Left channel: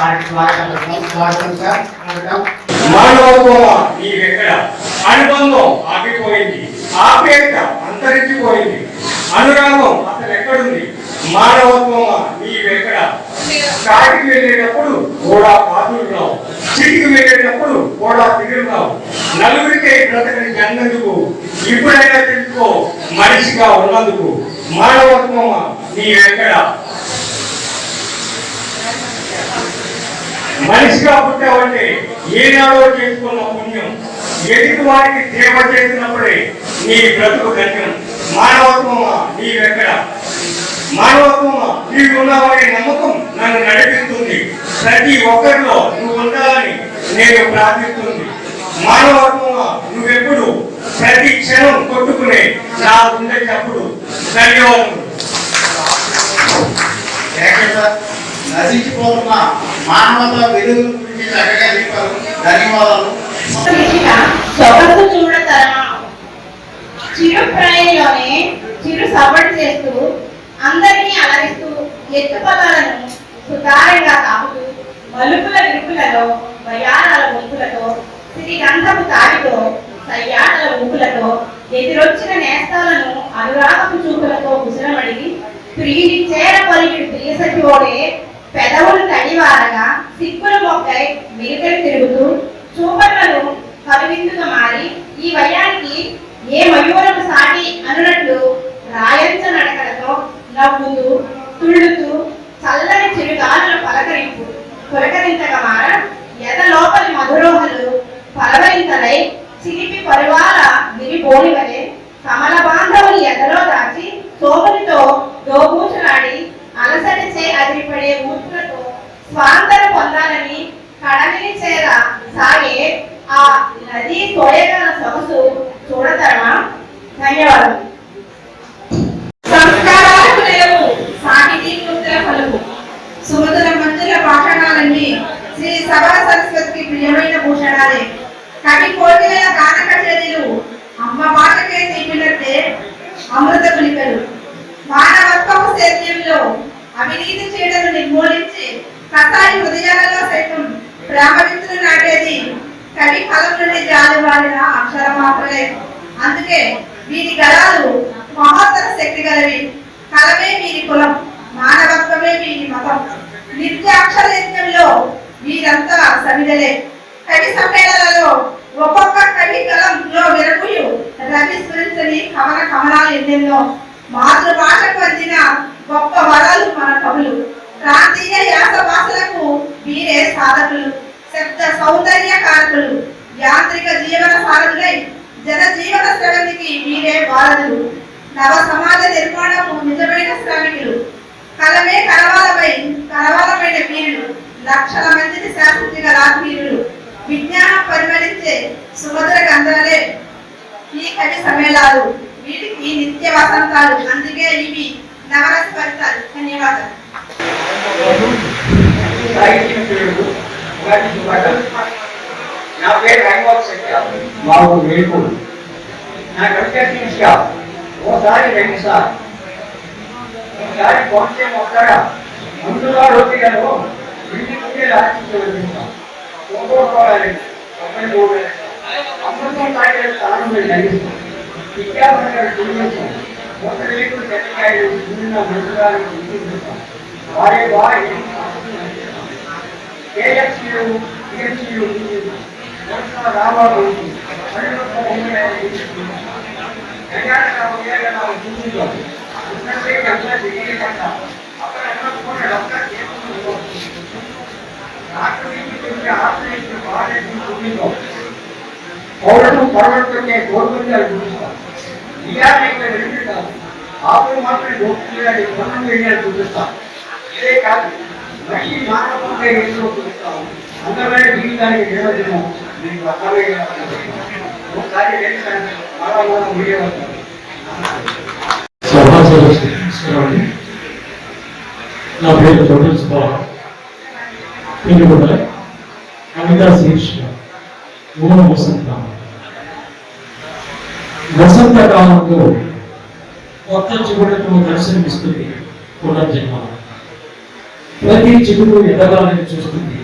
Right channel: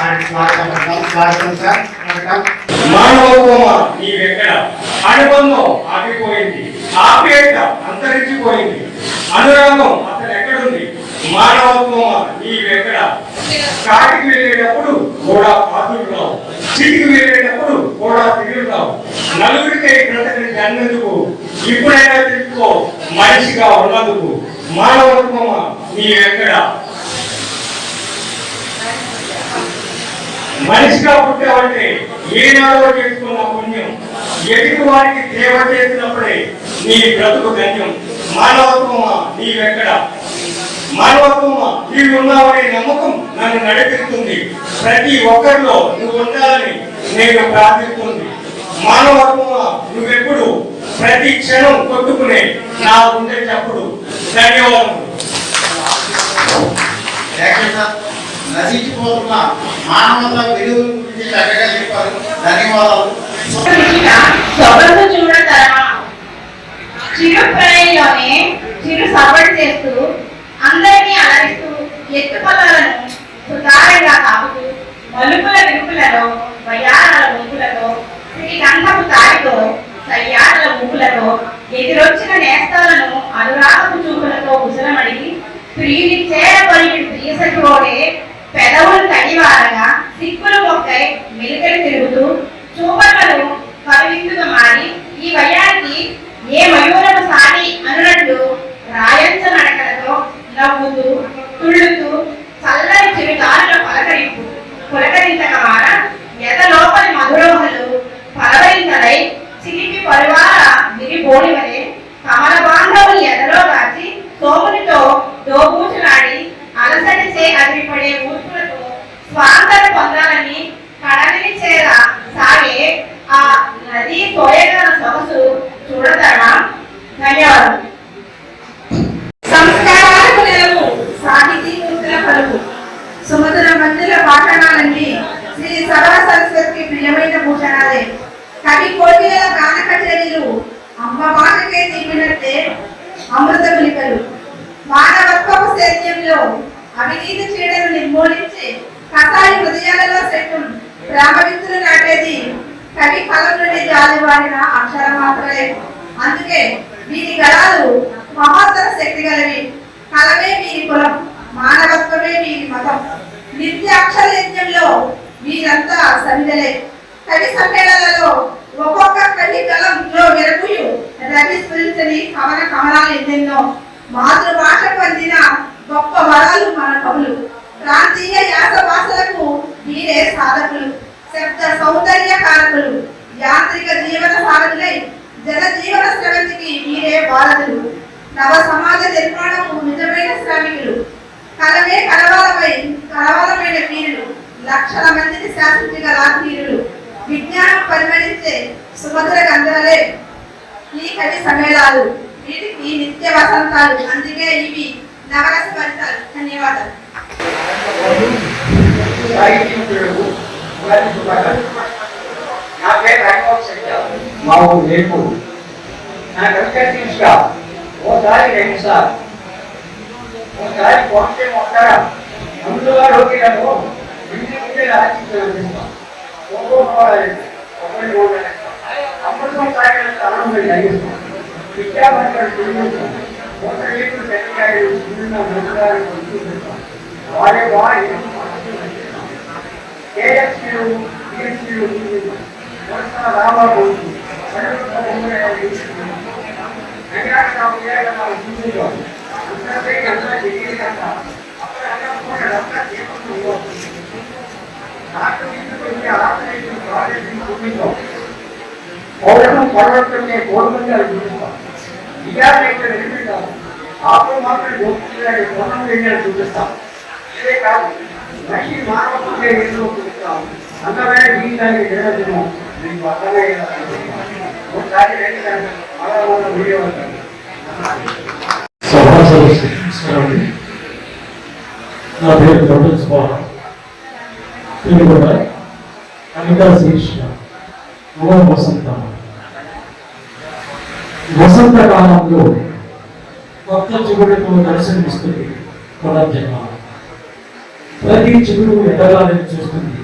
మానవత్వం నీవెక్కడ, అనుబంధం ఆగిపోయింది, ఆప్యాయత అంతరించిపోయింది, అనురాగం అసలు ఎక్కడుంది? మానవత్వం నీవెక్కడ? కాటికి వెళ్ళేటప్పుడు కూడా పాత్రలు రావు, చిటికి వెళ్ళేటప్పుడు కూడా తిరుగులు రావు, నలుగురికై బ్రతకని అన్నందుకు ఇప్పుడైనా తెలుసుకో మనిషిగా ఉన్నందుకు. మానవత్వం నీవెక్కడ? మనిషిగా పుట్టావంటే ఏనాడో చేసుకున్న పుణ్యం, ఎదుటి వారికి సేవ చేసినప్పుడే నీ బ్రతుకు ధన్యం. మానవత్వమా నీవెక్కడ? మానవత్వమా నీవు ఉన్నావనే నమ్మకం నన్ను నడిపిస్తుంది, ప్రతి ఒక్కరిలో నువ్వు ఉండాలని నేను ప్రార్థిస్తుంది. మానవత్వమా నువ్వెప్పుడు ప్రతి క్షణం కొట్టుకునే నా ఉండే చప్పుడు. ధన్యవాదాలు. నశించిపోతున్న మానవత విలువ గురించి చక్కగా చెప్పారు. ధన్యవాదాలు. సొగసు చూడతరమా చిరు ప్రాయంలోనే చిరు సవడి చేస్తూ అందరినీ అలరిస్తూ ఎత్తు పదాలను సుతారంగా తాగుతూ మలుపుల విరుపులలో వయారాల వంపులతో శ్రీగంధపు తాడితో సయ్యాడల ఊపులతో ఎదురొచ్చిన నేస్తాలను అనురాగపు చూపులతో కుశలమడిగి ప్రియుని చేర పొరిగిడు ప్రియసతుడే పెదవులు తడివారగా సిక్కులు మొక్కై మిలికలు తిరుగుతూ చూపలను కవివిందుగా మారి ఈ వయానికి ఏ మయూరము సాటి అనునట్లు రాయంచ నడకలతో నవ్వుతూ తుళ్ళుతూ చల్లని చిరుగాలుల పలకరింపు పులకరింతగా మార ఎద లోపలి మధురోహలు పలవరింతలై చిలిపి పరువాల గిరిబోడి వలె కమల బాంధవులు ఎదలో దాచి సోమునితో దోబూచులాడి అలసటి చే అదిరిపడే ఊర్పులతో స్వాంతను పొందాలని కడలిని చేర సాగే ఆ నది సోయగల సొగసు చూడతాడా? ధన్యవాదాలు. సంస్కారాలకు నెలవు సాహితీ మూర్తుల పలుకు సుమధుర మంజుల పాఠాలన్నీ శ్రీ సభా సరస్వతికి ప్రియమైన భూషణాలే. కవి కోటిల గాన కచేరీలు అమ్మ మాటకే తీపినట్టే అమృత పులికలు. మానవత్వపు సేద్యంలో అవినీతి చీడను నిర్మూలించి కసాయి హృదయాలలో సైతం ప్రేమ విత్తులు నాటేది కవి కలం నుండి జారివారిన అక్షర మాత్రమే. అందుకే వీరి గళాలు మహోత్తర శక్తి గలవి. కలమే వీరి కులం, మానవత్వమే వీరి మతం. నిత్య అక్షర యజ్ఞంలో వీరంతా సమిదలే. కవి సమ్మేళనలో ఒక్కొక్క కవి కలంలో విరగుయు రవి స్ఫురించని కవన కమలాలు ఎన్నెన్నో. మాతృభాషకు అందిన గొప్ప వరాలు మన కవులు. ప్రాంతీయ యాస భాషలకు వీరే సాధకులు, శబ్ద సౌందర్య కారకులు. యాంత్రిక జీవన సారథులై జనజీవన స్రవంతికి వీరే వారధులు. నవ సమాజ నిర్మాణకు నిజమైన శ్రామికులు. కలమే కరవాలమైన వీరులు. లక్షల మందిని శాసించగల వీరులు. విజ్ఞానం పరిమళించే సుమధుర గంధలే ఈ కవి సమ్మేళాలు. వీటికి నిత్య వసంతాలు. అందుకే ఇవి నవరస ఫలితాలు. ధన్యవాదాలు. నా పేరు రంగోత్సవ మాకు రేపు నా కవిత ఓసారి 2 సార్లు ఒకసారి పోతే మొక్కర ముందుగా రోగిలను ఇంటి ముందే రాజకీయం ఒక్కొక్కరు అమృతం తాగే స్థానం జరిగిస్తాం. విద్యాపరంగా చూపిస్తాం. ఒక రేపు తెల్లగాయలు మృతుగాలు చూపిస్తాం. వారి కేఎఫ్సీలు టీఎఫ్సీలు రాబాబు చూపిస్తాం. పౌరుషం పర్వతంగా గవర్నమెంట్ చూపిస్తాం. ఆపులు మాత్రం గోపియాలి పన్ను వేయాలి చూపిస్తాం. ఇదే కాదు మనిషి మానవ ఎంతో చూపిస్తాం. అందమైన జీవితానికి నిర్వచనం మీకు అర్థమయ్యేలా ఒకసారి వీడియో ఉంటాం. నా పేరు ప్రొఫెసర్ స్వామి కవితా శీర్షిక ఓం వసంత. వసంతకాలంలో కొత్త చిగురుతో దర్శనమిస్తుంది పునర్జన్మ. ప్రతి చిగురు ఎదగాలని చూస్తుంది.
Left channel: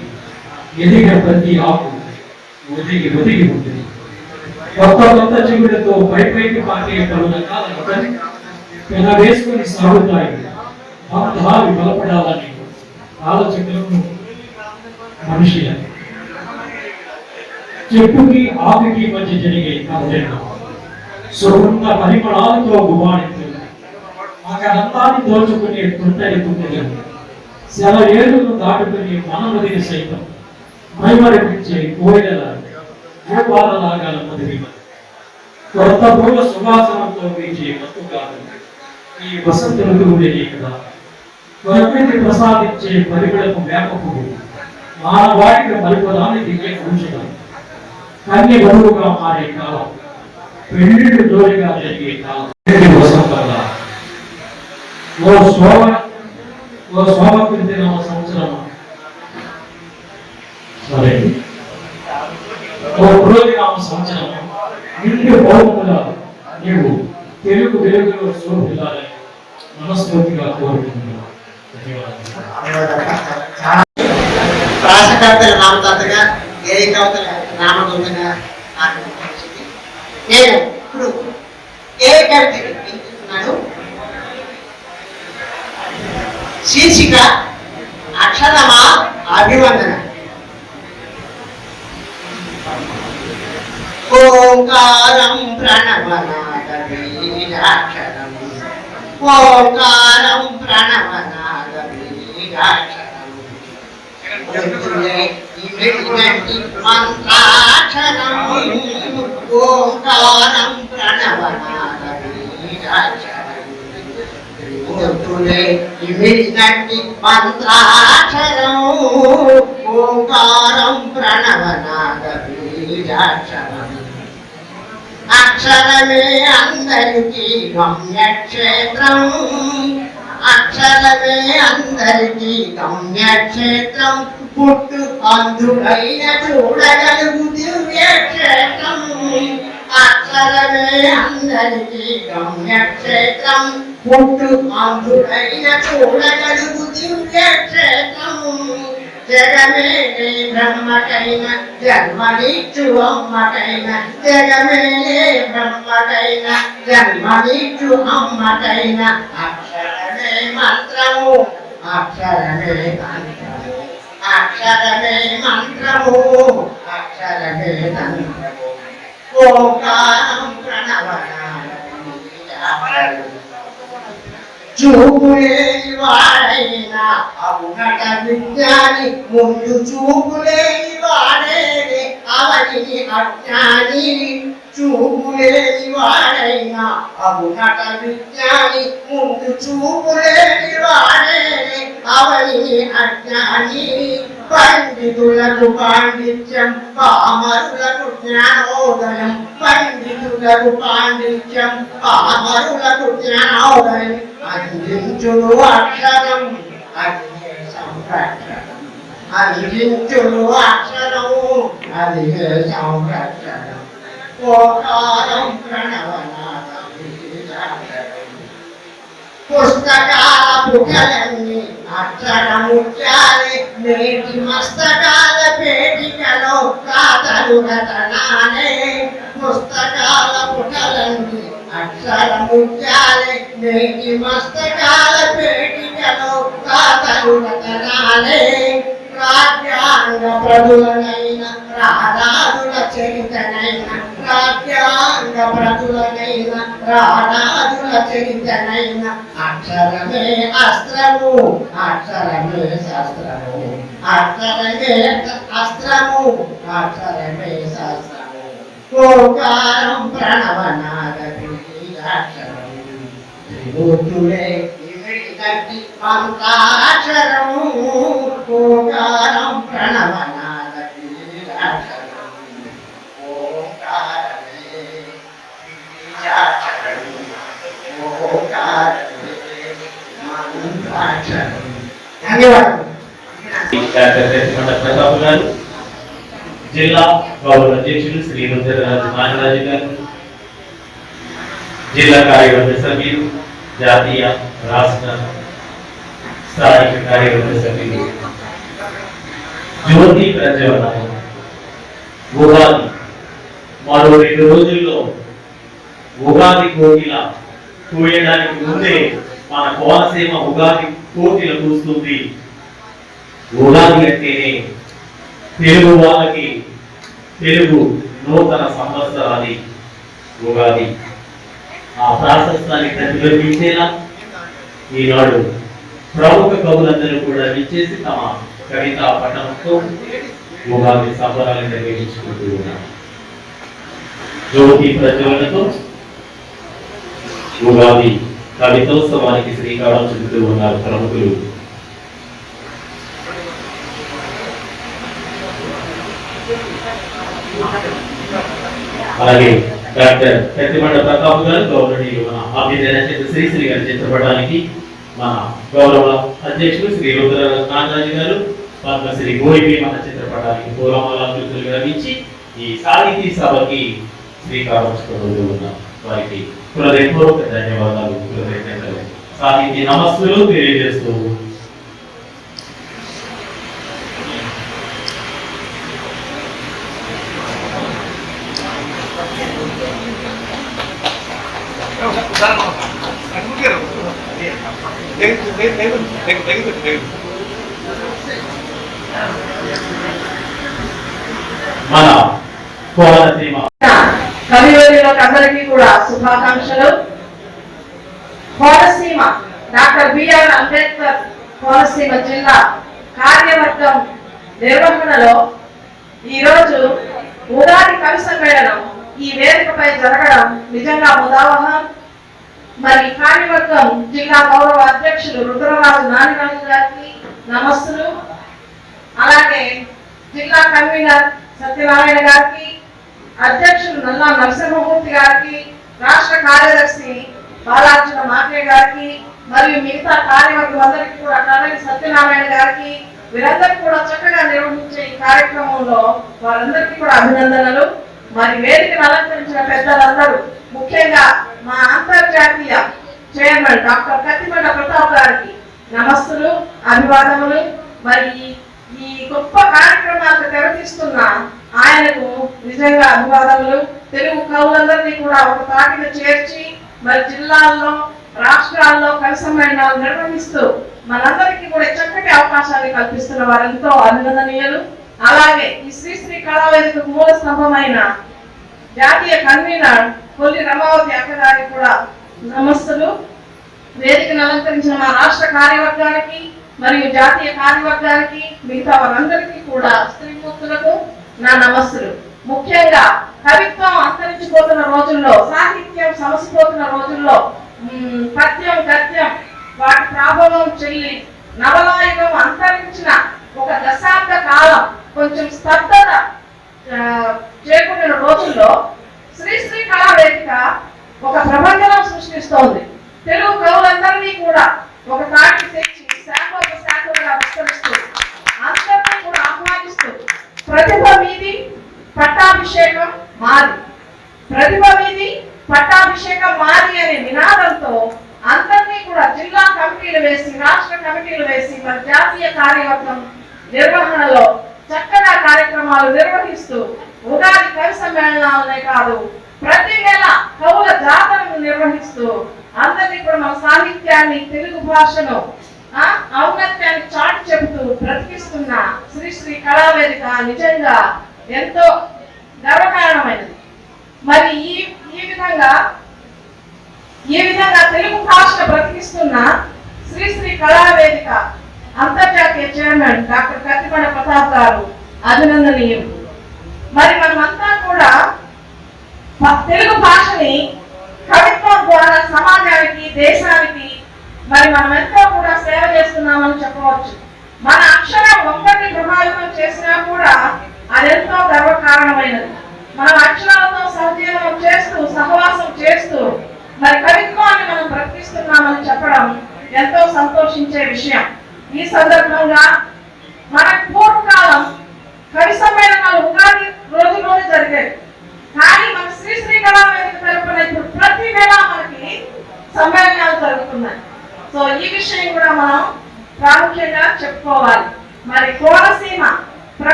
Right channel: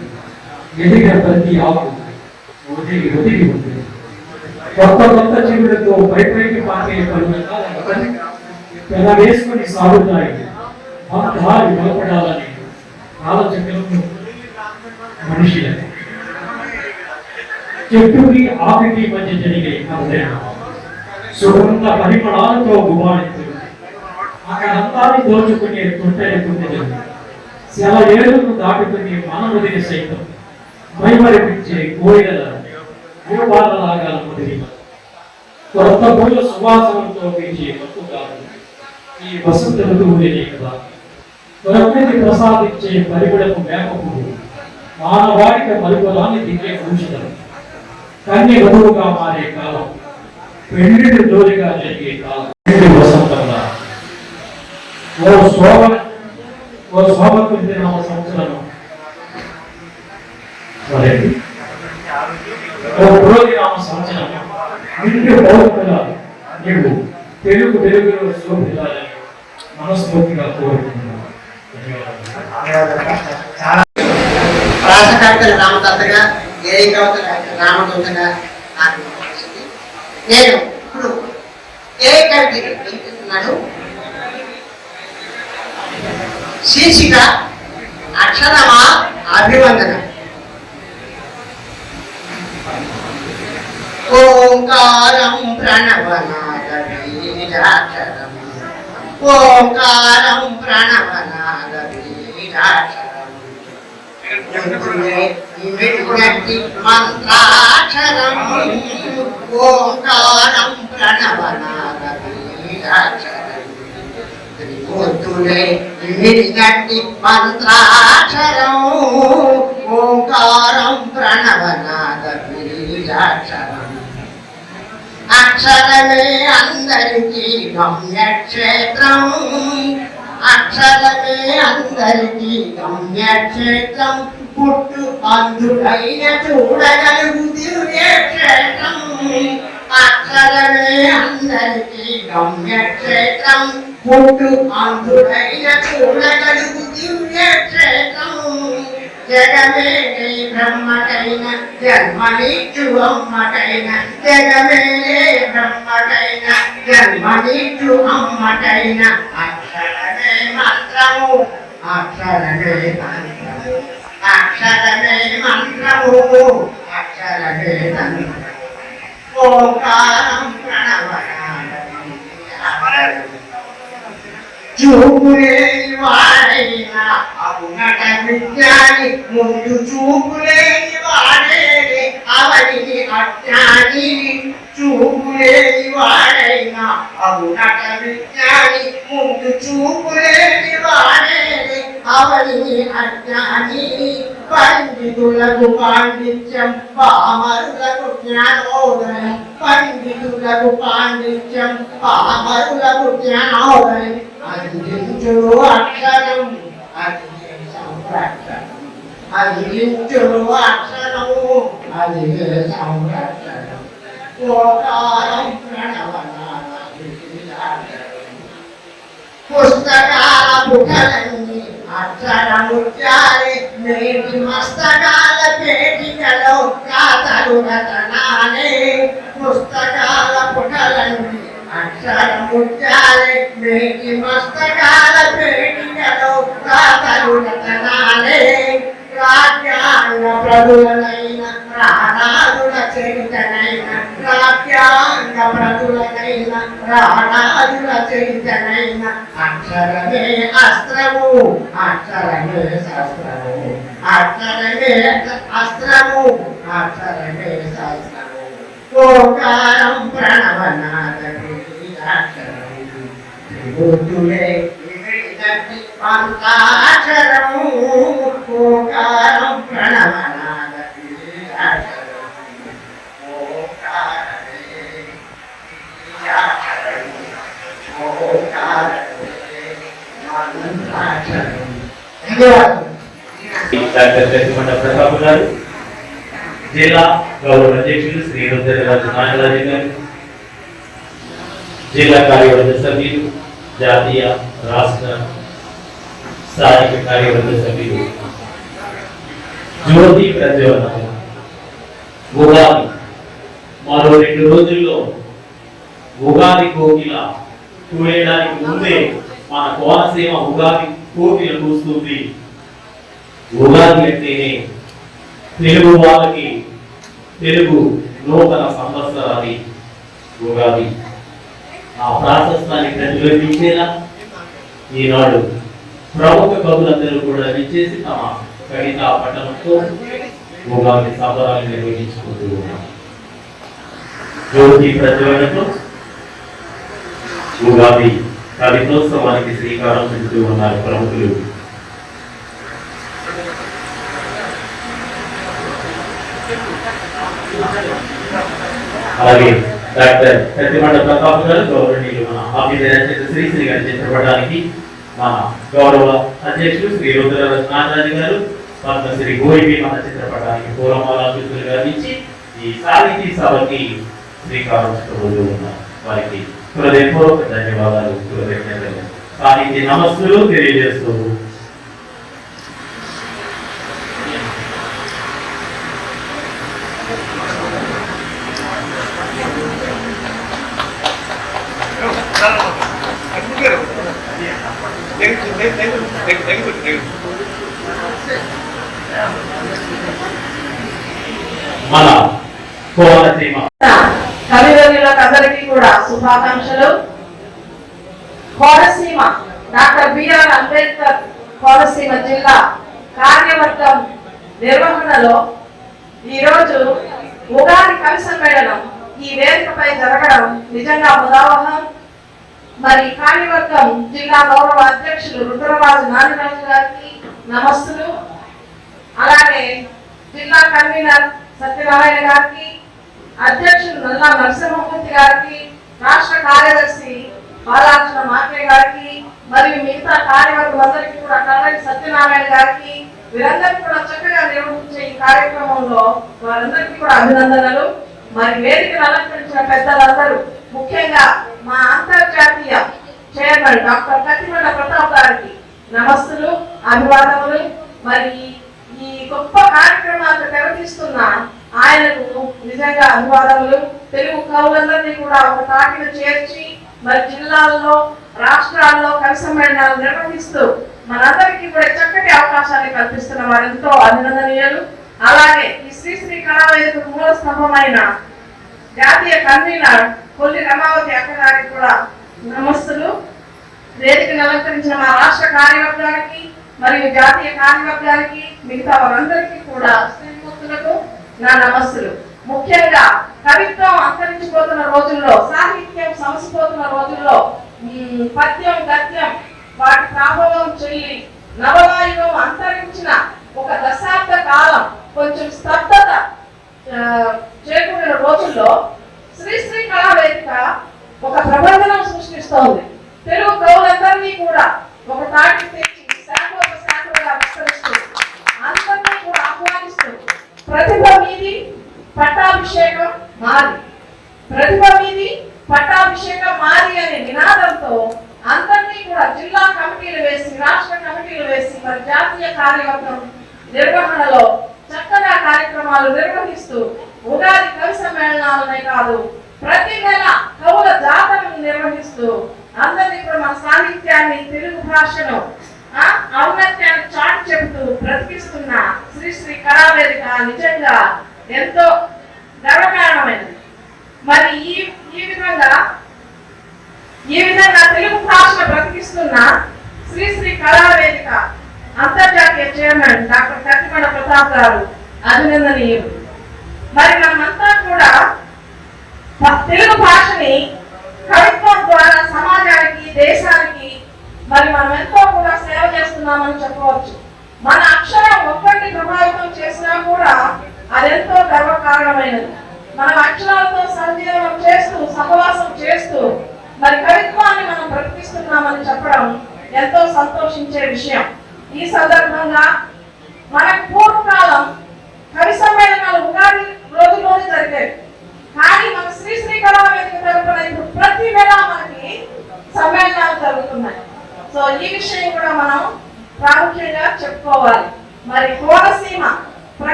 ఎదిగిన ప్రతి ఆకు ఒదిగి ఒదిగి ఉంటుంది. కొత్త కొత్త చిగురులతో పైపైకి పాకే పలు రకాల మొక్కలు పెన వేసుకొని సాగుతాయి. బంధాలు బలపడాలని ఆలోచనలను మనిషిలని చెట్టుకి ఆకుకి మధ్య జరిగే కదలిక సుగంధ పరిమళాలతో గుబాళించు అక్కడంతాన్ని దోచుకునే తుంటరి కుంటలు సెలయేరును దాటుకునే మానవుడిని సైతం మైమరిపించే కోయిల గోపాలలాగాల మదిరి కొత్త పూల సువాసనతో వీచే మత్తు కాదు ఈ వసంత ఋతువులేనే కదా. ప్రకృతి ప్రసాదించే పరిమళపు వేపపుడు మానవాడికి మరుపురాని దిగే ఔషధం. కన్ని వధువుగా మారే కాలం, పెళ్లిళ్ళు జోలిగా జరిగే కాలం. వసంతంగా ఓ శోభకృతి నామ సంవత్సరం ఓ పురోధి నామ సంవత్సరం నిండు పౌరులుగా నీవు తెలుగు వెలుగులో శోభిల్లాలని మనస్ఫూర్తిగా కోరుకుంటున్నాను. రాసకర్తల నామకర్తగా ఏ కవితల నామకర్తగా నాకు వచ్చింది. నేను ఇప్పుడు ఏ కవిత వినిపిస్తున్నాను. శీర్షిక అక్షరమా అభివందన. ఓంకారం ప్రణవనాద బీజాక్షరం, ఓంకారం ప్రణవనాద బీజాక్షరం, ఇమిడినట్టి మంత్రాక్షరం, ఓంకారం ప్రణవనాద బీజాక్షరం, త్రిమూర్తులే ఇమిడినట్టి మంత్రాక్షరం, ఓంకారం ప్రణవనాద బీజాక్షరం, అక్షరమే అందరికీ గమ్యక్షేత్రం, అక్షరమే అందరికీ గమ్యక్షేత్రం, పుట్టు అందుడైన చూడగలుగు దివ్యక్షేత్రం, అక్షరమే అందరికీ గమ్యక్షేత్రం, పుట్టు అందుడైన చూడగలుగు దివ్యక్షేత్రం, జగమే నీ బ్రహ్మకైన జన్మనిచ్చు అమ్మకైన, జగమే బ్రహ్మకైన జన్మనిచ్చు అమ్మకైన, అక్షరమే మంత్రము అక్షరమే మంత్రము, అక్షరమే మంత్రము అక్షరమే మంత్రము, ఓంకారం ప్రణవనాద బీజాక్షరం, చూపులేని వాడైనా అవునట విజ్ఞాని, ముందు చూపులేని వాడేనే అవనికి అజ్ఞాని, చూపులేని వాడైనా అవునట విజ్ఞాని, ముందు చూపులేని వాడేనే అవనికి అజ్ఞాని, పండితులకు పాండిత్యం పామరులకు జ్ఞానోదయం, పండితులకు పాండిత్యం పామరులకు జ్ఞానోదయం, అందించుడు అక్షరం అది సంరక్షణం, అందించుడు అక్షరము అది సంరక్షణం, ఓంకారం ప్రణవనాద బీజాక్షరం, పుస్తకాల పుటలన్నీ అక్షరముచ్చాలి, నేటి మస్తకాల పేటికలో కాతలు రతనాలే, పుస్తకాల పుటలన్నీ అక్షరముచ్చాలి, నేటి మస్తకాల పేటికలో కాతలు రతనాలే, రాజ్యాంగ ప్రభులనైన రారాజుల చరితనైన, రాజ్యాంగ ప్రభులనైన రారాజుల చరితనైన, అక్షరమే అస్త్రము అక్షరమే శస్త్రము, అక్షరమే అస్త్రము అక్షరమే శస్త్రము, ఓంకారం ప్రణవనాద బీజాక్షరం, త్రిమూర్తులే ఇమిడినట్టి మంత్రాక్షరము, ఓంకారం ప్రణవనాద బీజాక్షరం, ఓంకారమే బీజాక్షరం, ఓంకారమే మంత్రాక్షరం. ధన్యవాదాలు. డాక్టర్ కసిమండ ప్రతాప్ గారు, జిల్లా గౌరవ అధ్యక్షులు శ్రీ రుద్రరాజు నాగరాజు గారు, జిల్లా కార్యవర్గ సభ్యులు, జాతీయ రాష్ట్ర స్థానిక కార్యవర్గ సభ్యులు, జ్యోతి ప్రజ్వలనం. ఉగాది మరో 2 రోజుల్లో ఉగాది కోకిల కూయడానికి ముందే మన కోనసీమ ఉగాది కోకిల కూస్తుంది. ఉగాది అంటేనే తెలుగు వాళ్ళకి తెలుగు నూతన సంవత్సరాది ఉగాది. ఆ ప్రాశస్త్యాన్ని ప్రతిబింబించేలా ఈనాడు ప్రముఖ కవులందరూ కూడా విచ్చేసి తమ కవితా పఠనంతో ఉగాది సంబరాలు నిర్వహించుకుంటూ ఉన్నారు. జ్యోతి ప్రజ్వలనతో ఉగాది కవితోత్సవానికి శ్రీకారం చుడుతూ ఉన్నారు ప్రముఖులు. అలాగే డాక్టర్ కత్తిమండ ప్రతాప్ గారు గౌరవనీయులు మన అభ్యుదయ శ్రీశ్రీ గారి చేర్చబడడానికి మన గౌరవ అధ్యక్షులు శ్రీ రుద్రరాజు నాగరాజు గారు పద్మశ్రీ గోయిపి మన చిత్రపటానికి పూర్వమాలాకృతులు గారు ఇచ్చి ఈ సాహితీ సభకి శ్రీకారం చుట్టబోతూ ఉన్నారు. వారికి హృదయపూర్వక ధన్యవాదాలు, కృతజ్ఞతలు, సాహితీ నమస్సులు తెలియజేస్తూ మన కోనసీమ కవివర్యులకు అందరికీ కూడా శుభాకాంక్షలు. కోనసీమ డాక్టర్ బిఆర్ అంబేద్కర్ కోనసీమ జిల్లా కార్యవర్గం నిర్వహణలో ఈరోజు ఉగాది కవి సమ్మేళనం ఈ వేదికపై జరగడం నిజంగా ముదావహం. మరి కార్యవర్గం జిల్లా గౌరవ అధ్యక్షులు రుద్రరాజు నాగరాజు గారికి నమస్సులు. అలాగే జిల్లా కన్వీనర్ సత్యనారాయణ గారికి, అధ్యక్షులు నల్లా నరసింహమూర్తి గారికి, రాష్ట్ర కార్యదర్శి బాలార్జున మాకే గారికి మరియు మిగతా కార్యవర్గం అందరికీ కూడా కర్నూలు సత్యనారాయణ గారికి, వీరందరికీ కూడా చక్కగా నిర్వహించే ఈ కార్యక్రమంలో వారందరికీ కూడా అభినందనలు. మరి వేదికను అలంకరించిన పెద్దలందరూ, ముఖ్యంగా మా అంతర్జాతీయ చైర్మన్ డాక్టర్ కత్తిమండ ప్రతాప్ గారికి నమస్సులు, అభివాదములు. మరి ఈ గొప్ప కార్యక్రమాలకు తెరతీస్తున్న ఆయనకు నిజంగా అభివాదములు. తెలుగు కవులందరినీ కూడా ఒక పార్టీలో చేర్చి మరి జిల్లాల్లో, రాష్ట్రాల్లో కవి సమ్మేళనాలు నిర్వహిస్తూ మనందరికీ కూడా చక్కటి అవకాశాలు కల్పిస్తున్న వారెంతో అభినందనీయులు. అలాగే ఈ శ్రీశ్రీ కళావేదికకు మూల స్తంభమైన జాతీయ కన్వీనర్ కొల్లి రమావతి అక్క గారికి కూడా నమస్సులు. వేదికను అలంకరించిన మా రాష్ట్ర కార్యవర్గానికి మరియు జాతీయ కార్యవర్గానికి, మిగతా వారందరికీ కూడా స్త్రీమూర్తులకు నా నమస్సులు. ముఖ్యంగా కవిత్వం అంతరించిపోతున్న రోజుల్లో, సాహిత్యం సమసిపోతున్న రోజుల్లో పద్యం గద్యం వాటి ప్రభావం చెల్లి నవలాయుగం అంతరించిన ఒక దశాబ్ద కాలం కొంచెం స్తబ్దత చేకూరిన రోజుల్లో శ్రీశ్రీ కళావేదిక ఒక ప్రబంధనం సృష్టిస్తోంది. తెలుగు కవులందరినీ కూడా ఒక తాటి తెచ్చి శాఖలుగా విస్తరిస్తూ అందరినీ కూడా ఆహ్వానిస్తూ ప్రతిభ మీది పట్టాభిషేకం మాది, ప్రతిభ మీది పట్టాభిషేకం మాది అనే నినాదంతో అందరినీ కూడా జిల్లా కమిటీలు వేసి, రాష్ట్ర కమిటీలు వేసి మరి జాతీయ కార్యవర్గం నిర్వహణలో చక్కగా కార్యక్రమాలు నిర్వహిస్తూ ఉగాది కవి సమ్మేళనాలనే కాదు ప్రతి నెల కవుల జాతరను నిర్వహిస్తూ అందరినీ కూడా మన సాహిత్యాన్ని, తెలుగు భాషను ఔన్నత్యాన్ని చాటి చెబుతూ బ్రతికిస్తున్న శ్రీశ్రీ కళావేదిక నిజంగా ఎంతో గర్వకారణమైనది. మరి ఈ విధంగా తెలుగు భాషను బ్రతికిస్తున్న శ్రీశ్రీ కళావేదిక అంతర్జాతీయ చైర్మన్ డాక్టర్ కత్తిమండ ప్రతాప్ గారు అభినందనీయులు. మరి మనమంతా కూడా తెలుగు భాషని కవిత్వం ద్వారా సమాజానికి, దేశానికి మరి మనం ఎంతో కూడా సేవ చేస్తున్నామని చెప్పవచ్చు. మన అక్షరం ఒక్కరిని ప్రభావితం చేసినా కూడా అదెంతో గర్వకారణమైనది. మన అక్షరాలతో సంజీవనం చేస్తూ, సహవాసం చేస్తూ మరి కవిత్వాన్ని మనం బ్రతికిస్తున్నామని చెప్పడం ఎంతో సంతోషించే విషయం. ఈ సందర్భంగా మనకు పూర్వకాలం కవి సమ్మేళనాలు ఉగాది రోజులోనే జరిగేవి. కానీ మన శ్రీశ్రీ కళావేదిక తరపున ఇప్పుడు ప్రతి నెల మనకి సమ్మేళనాలు జరుగుతున్నాయి. సో ఈ విషయం కూడా మనం ప్రాముఖ్యంగా చెప్పుకోవాలి. మరి కోనసీమ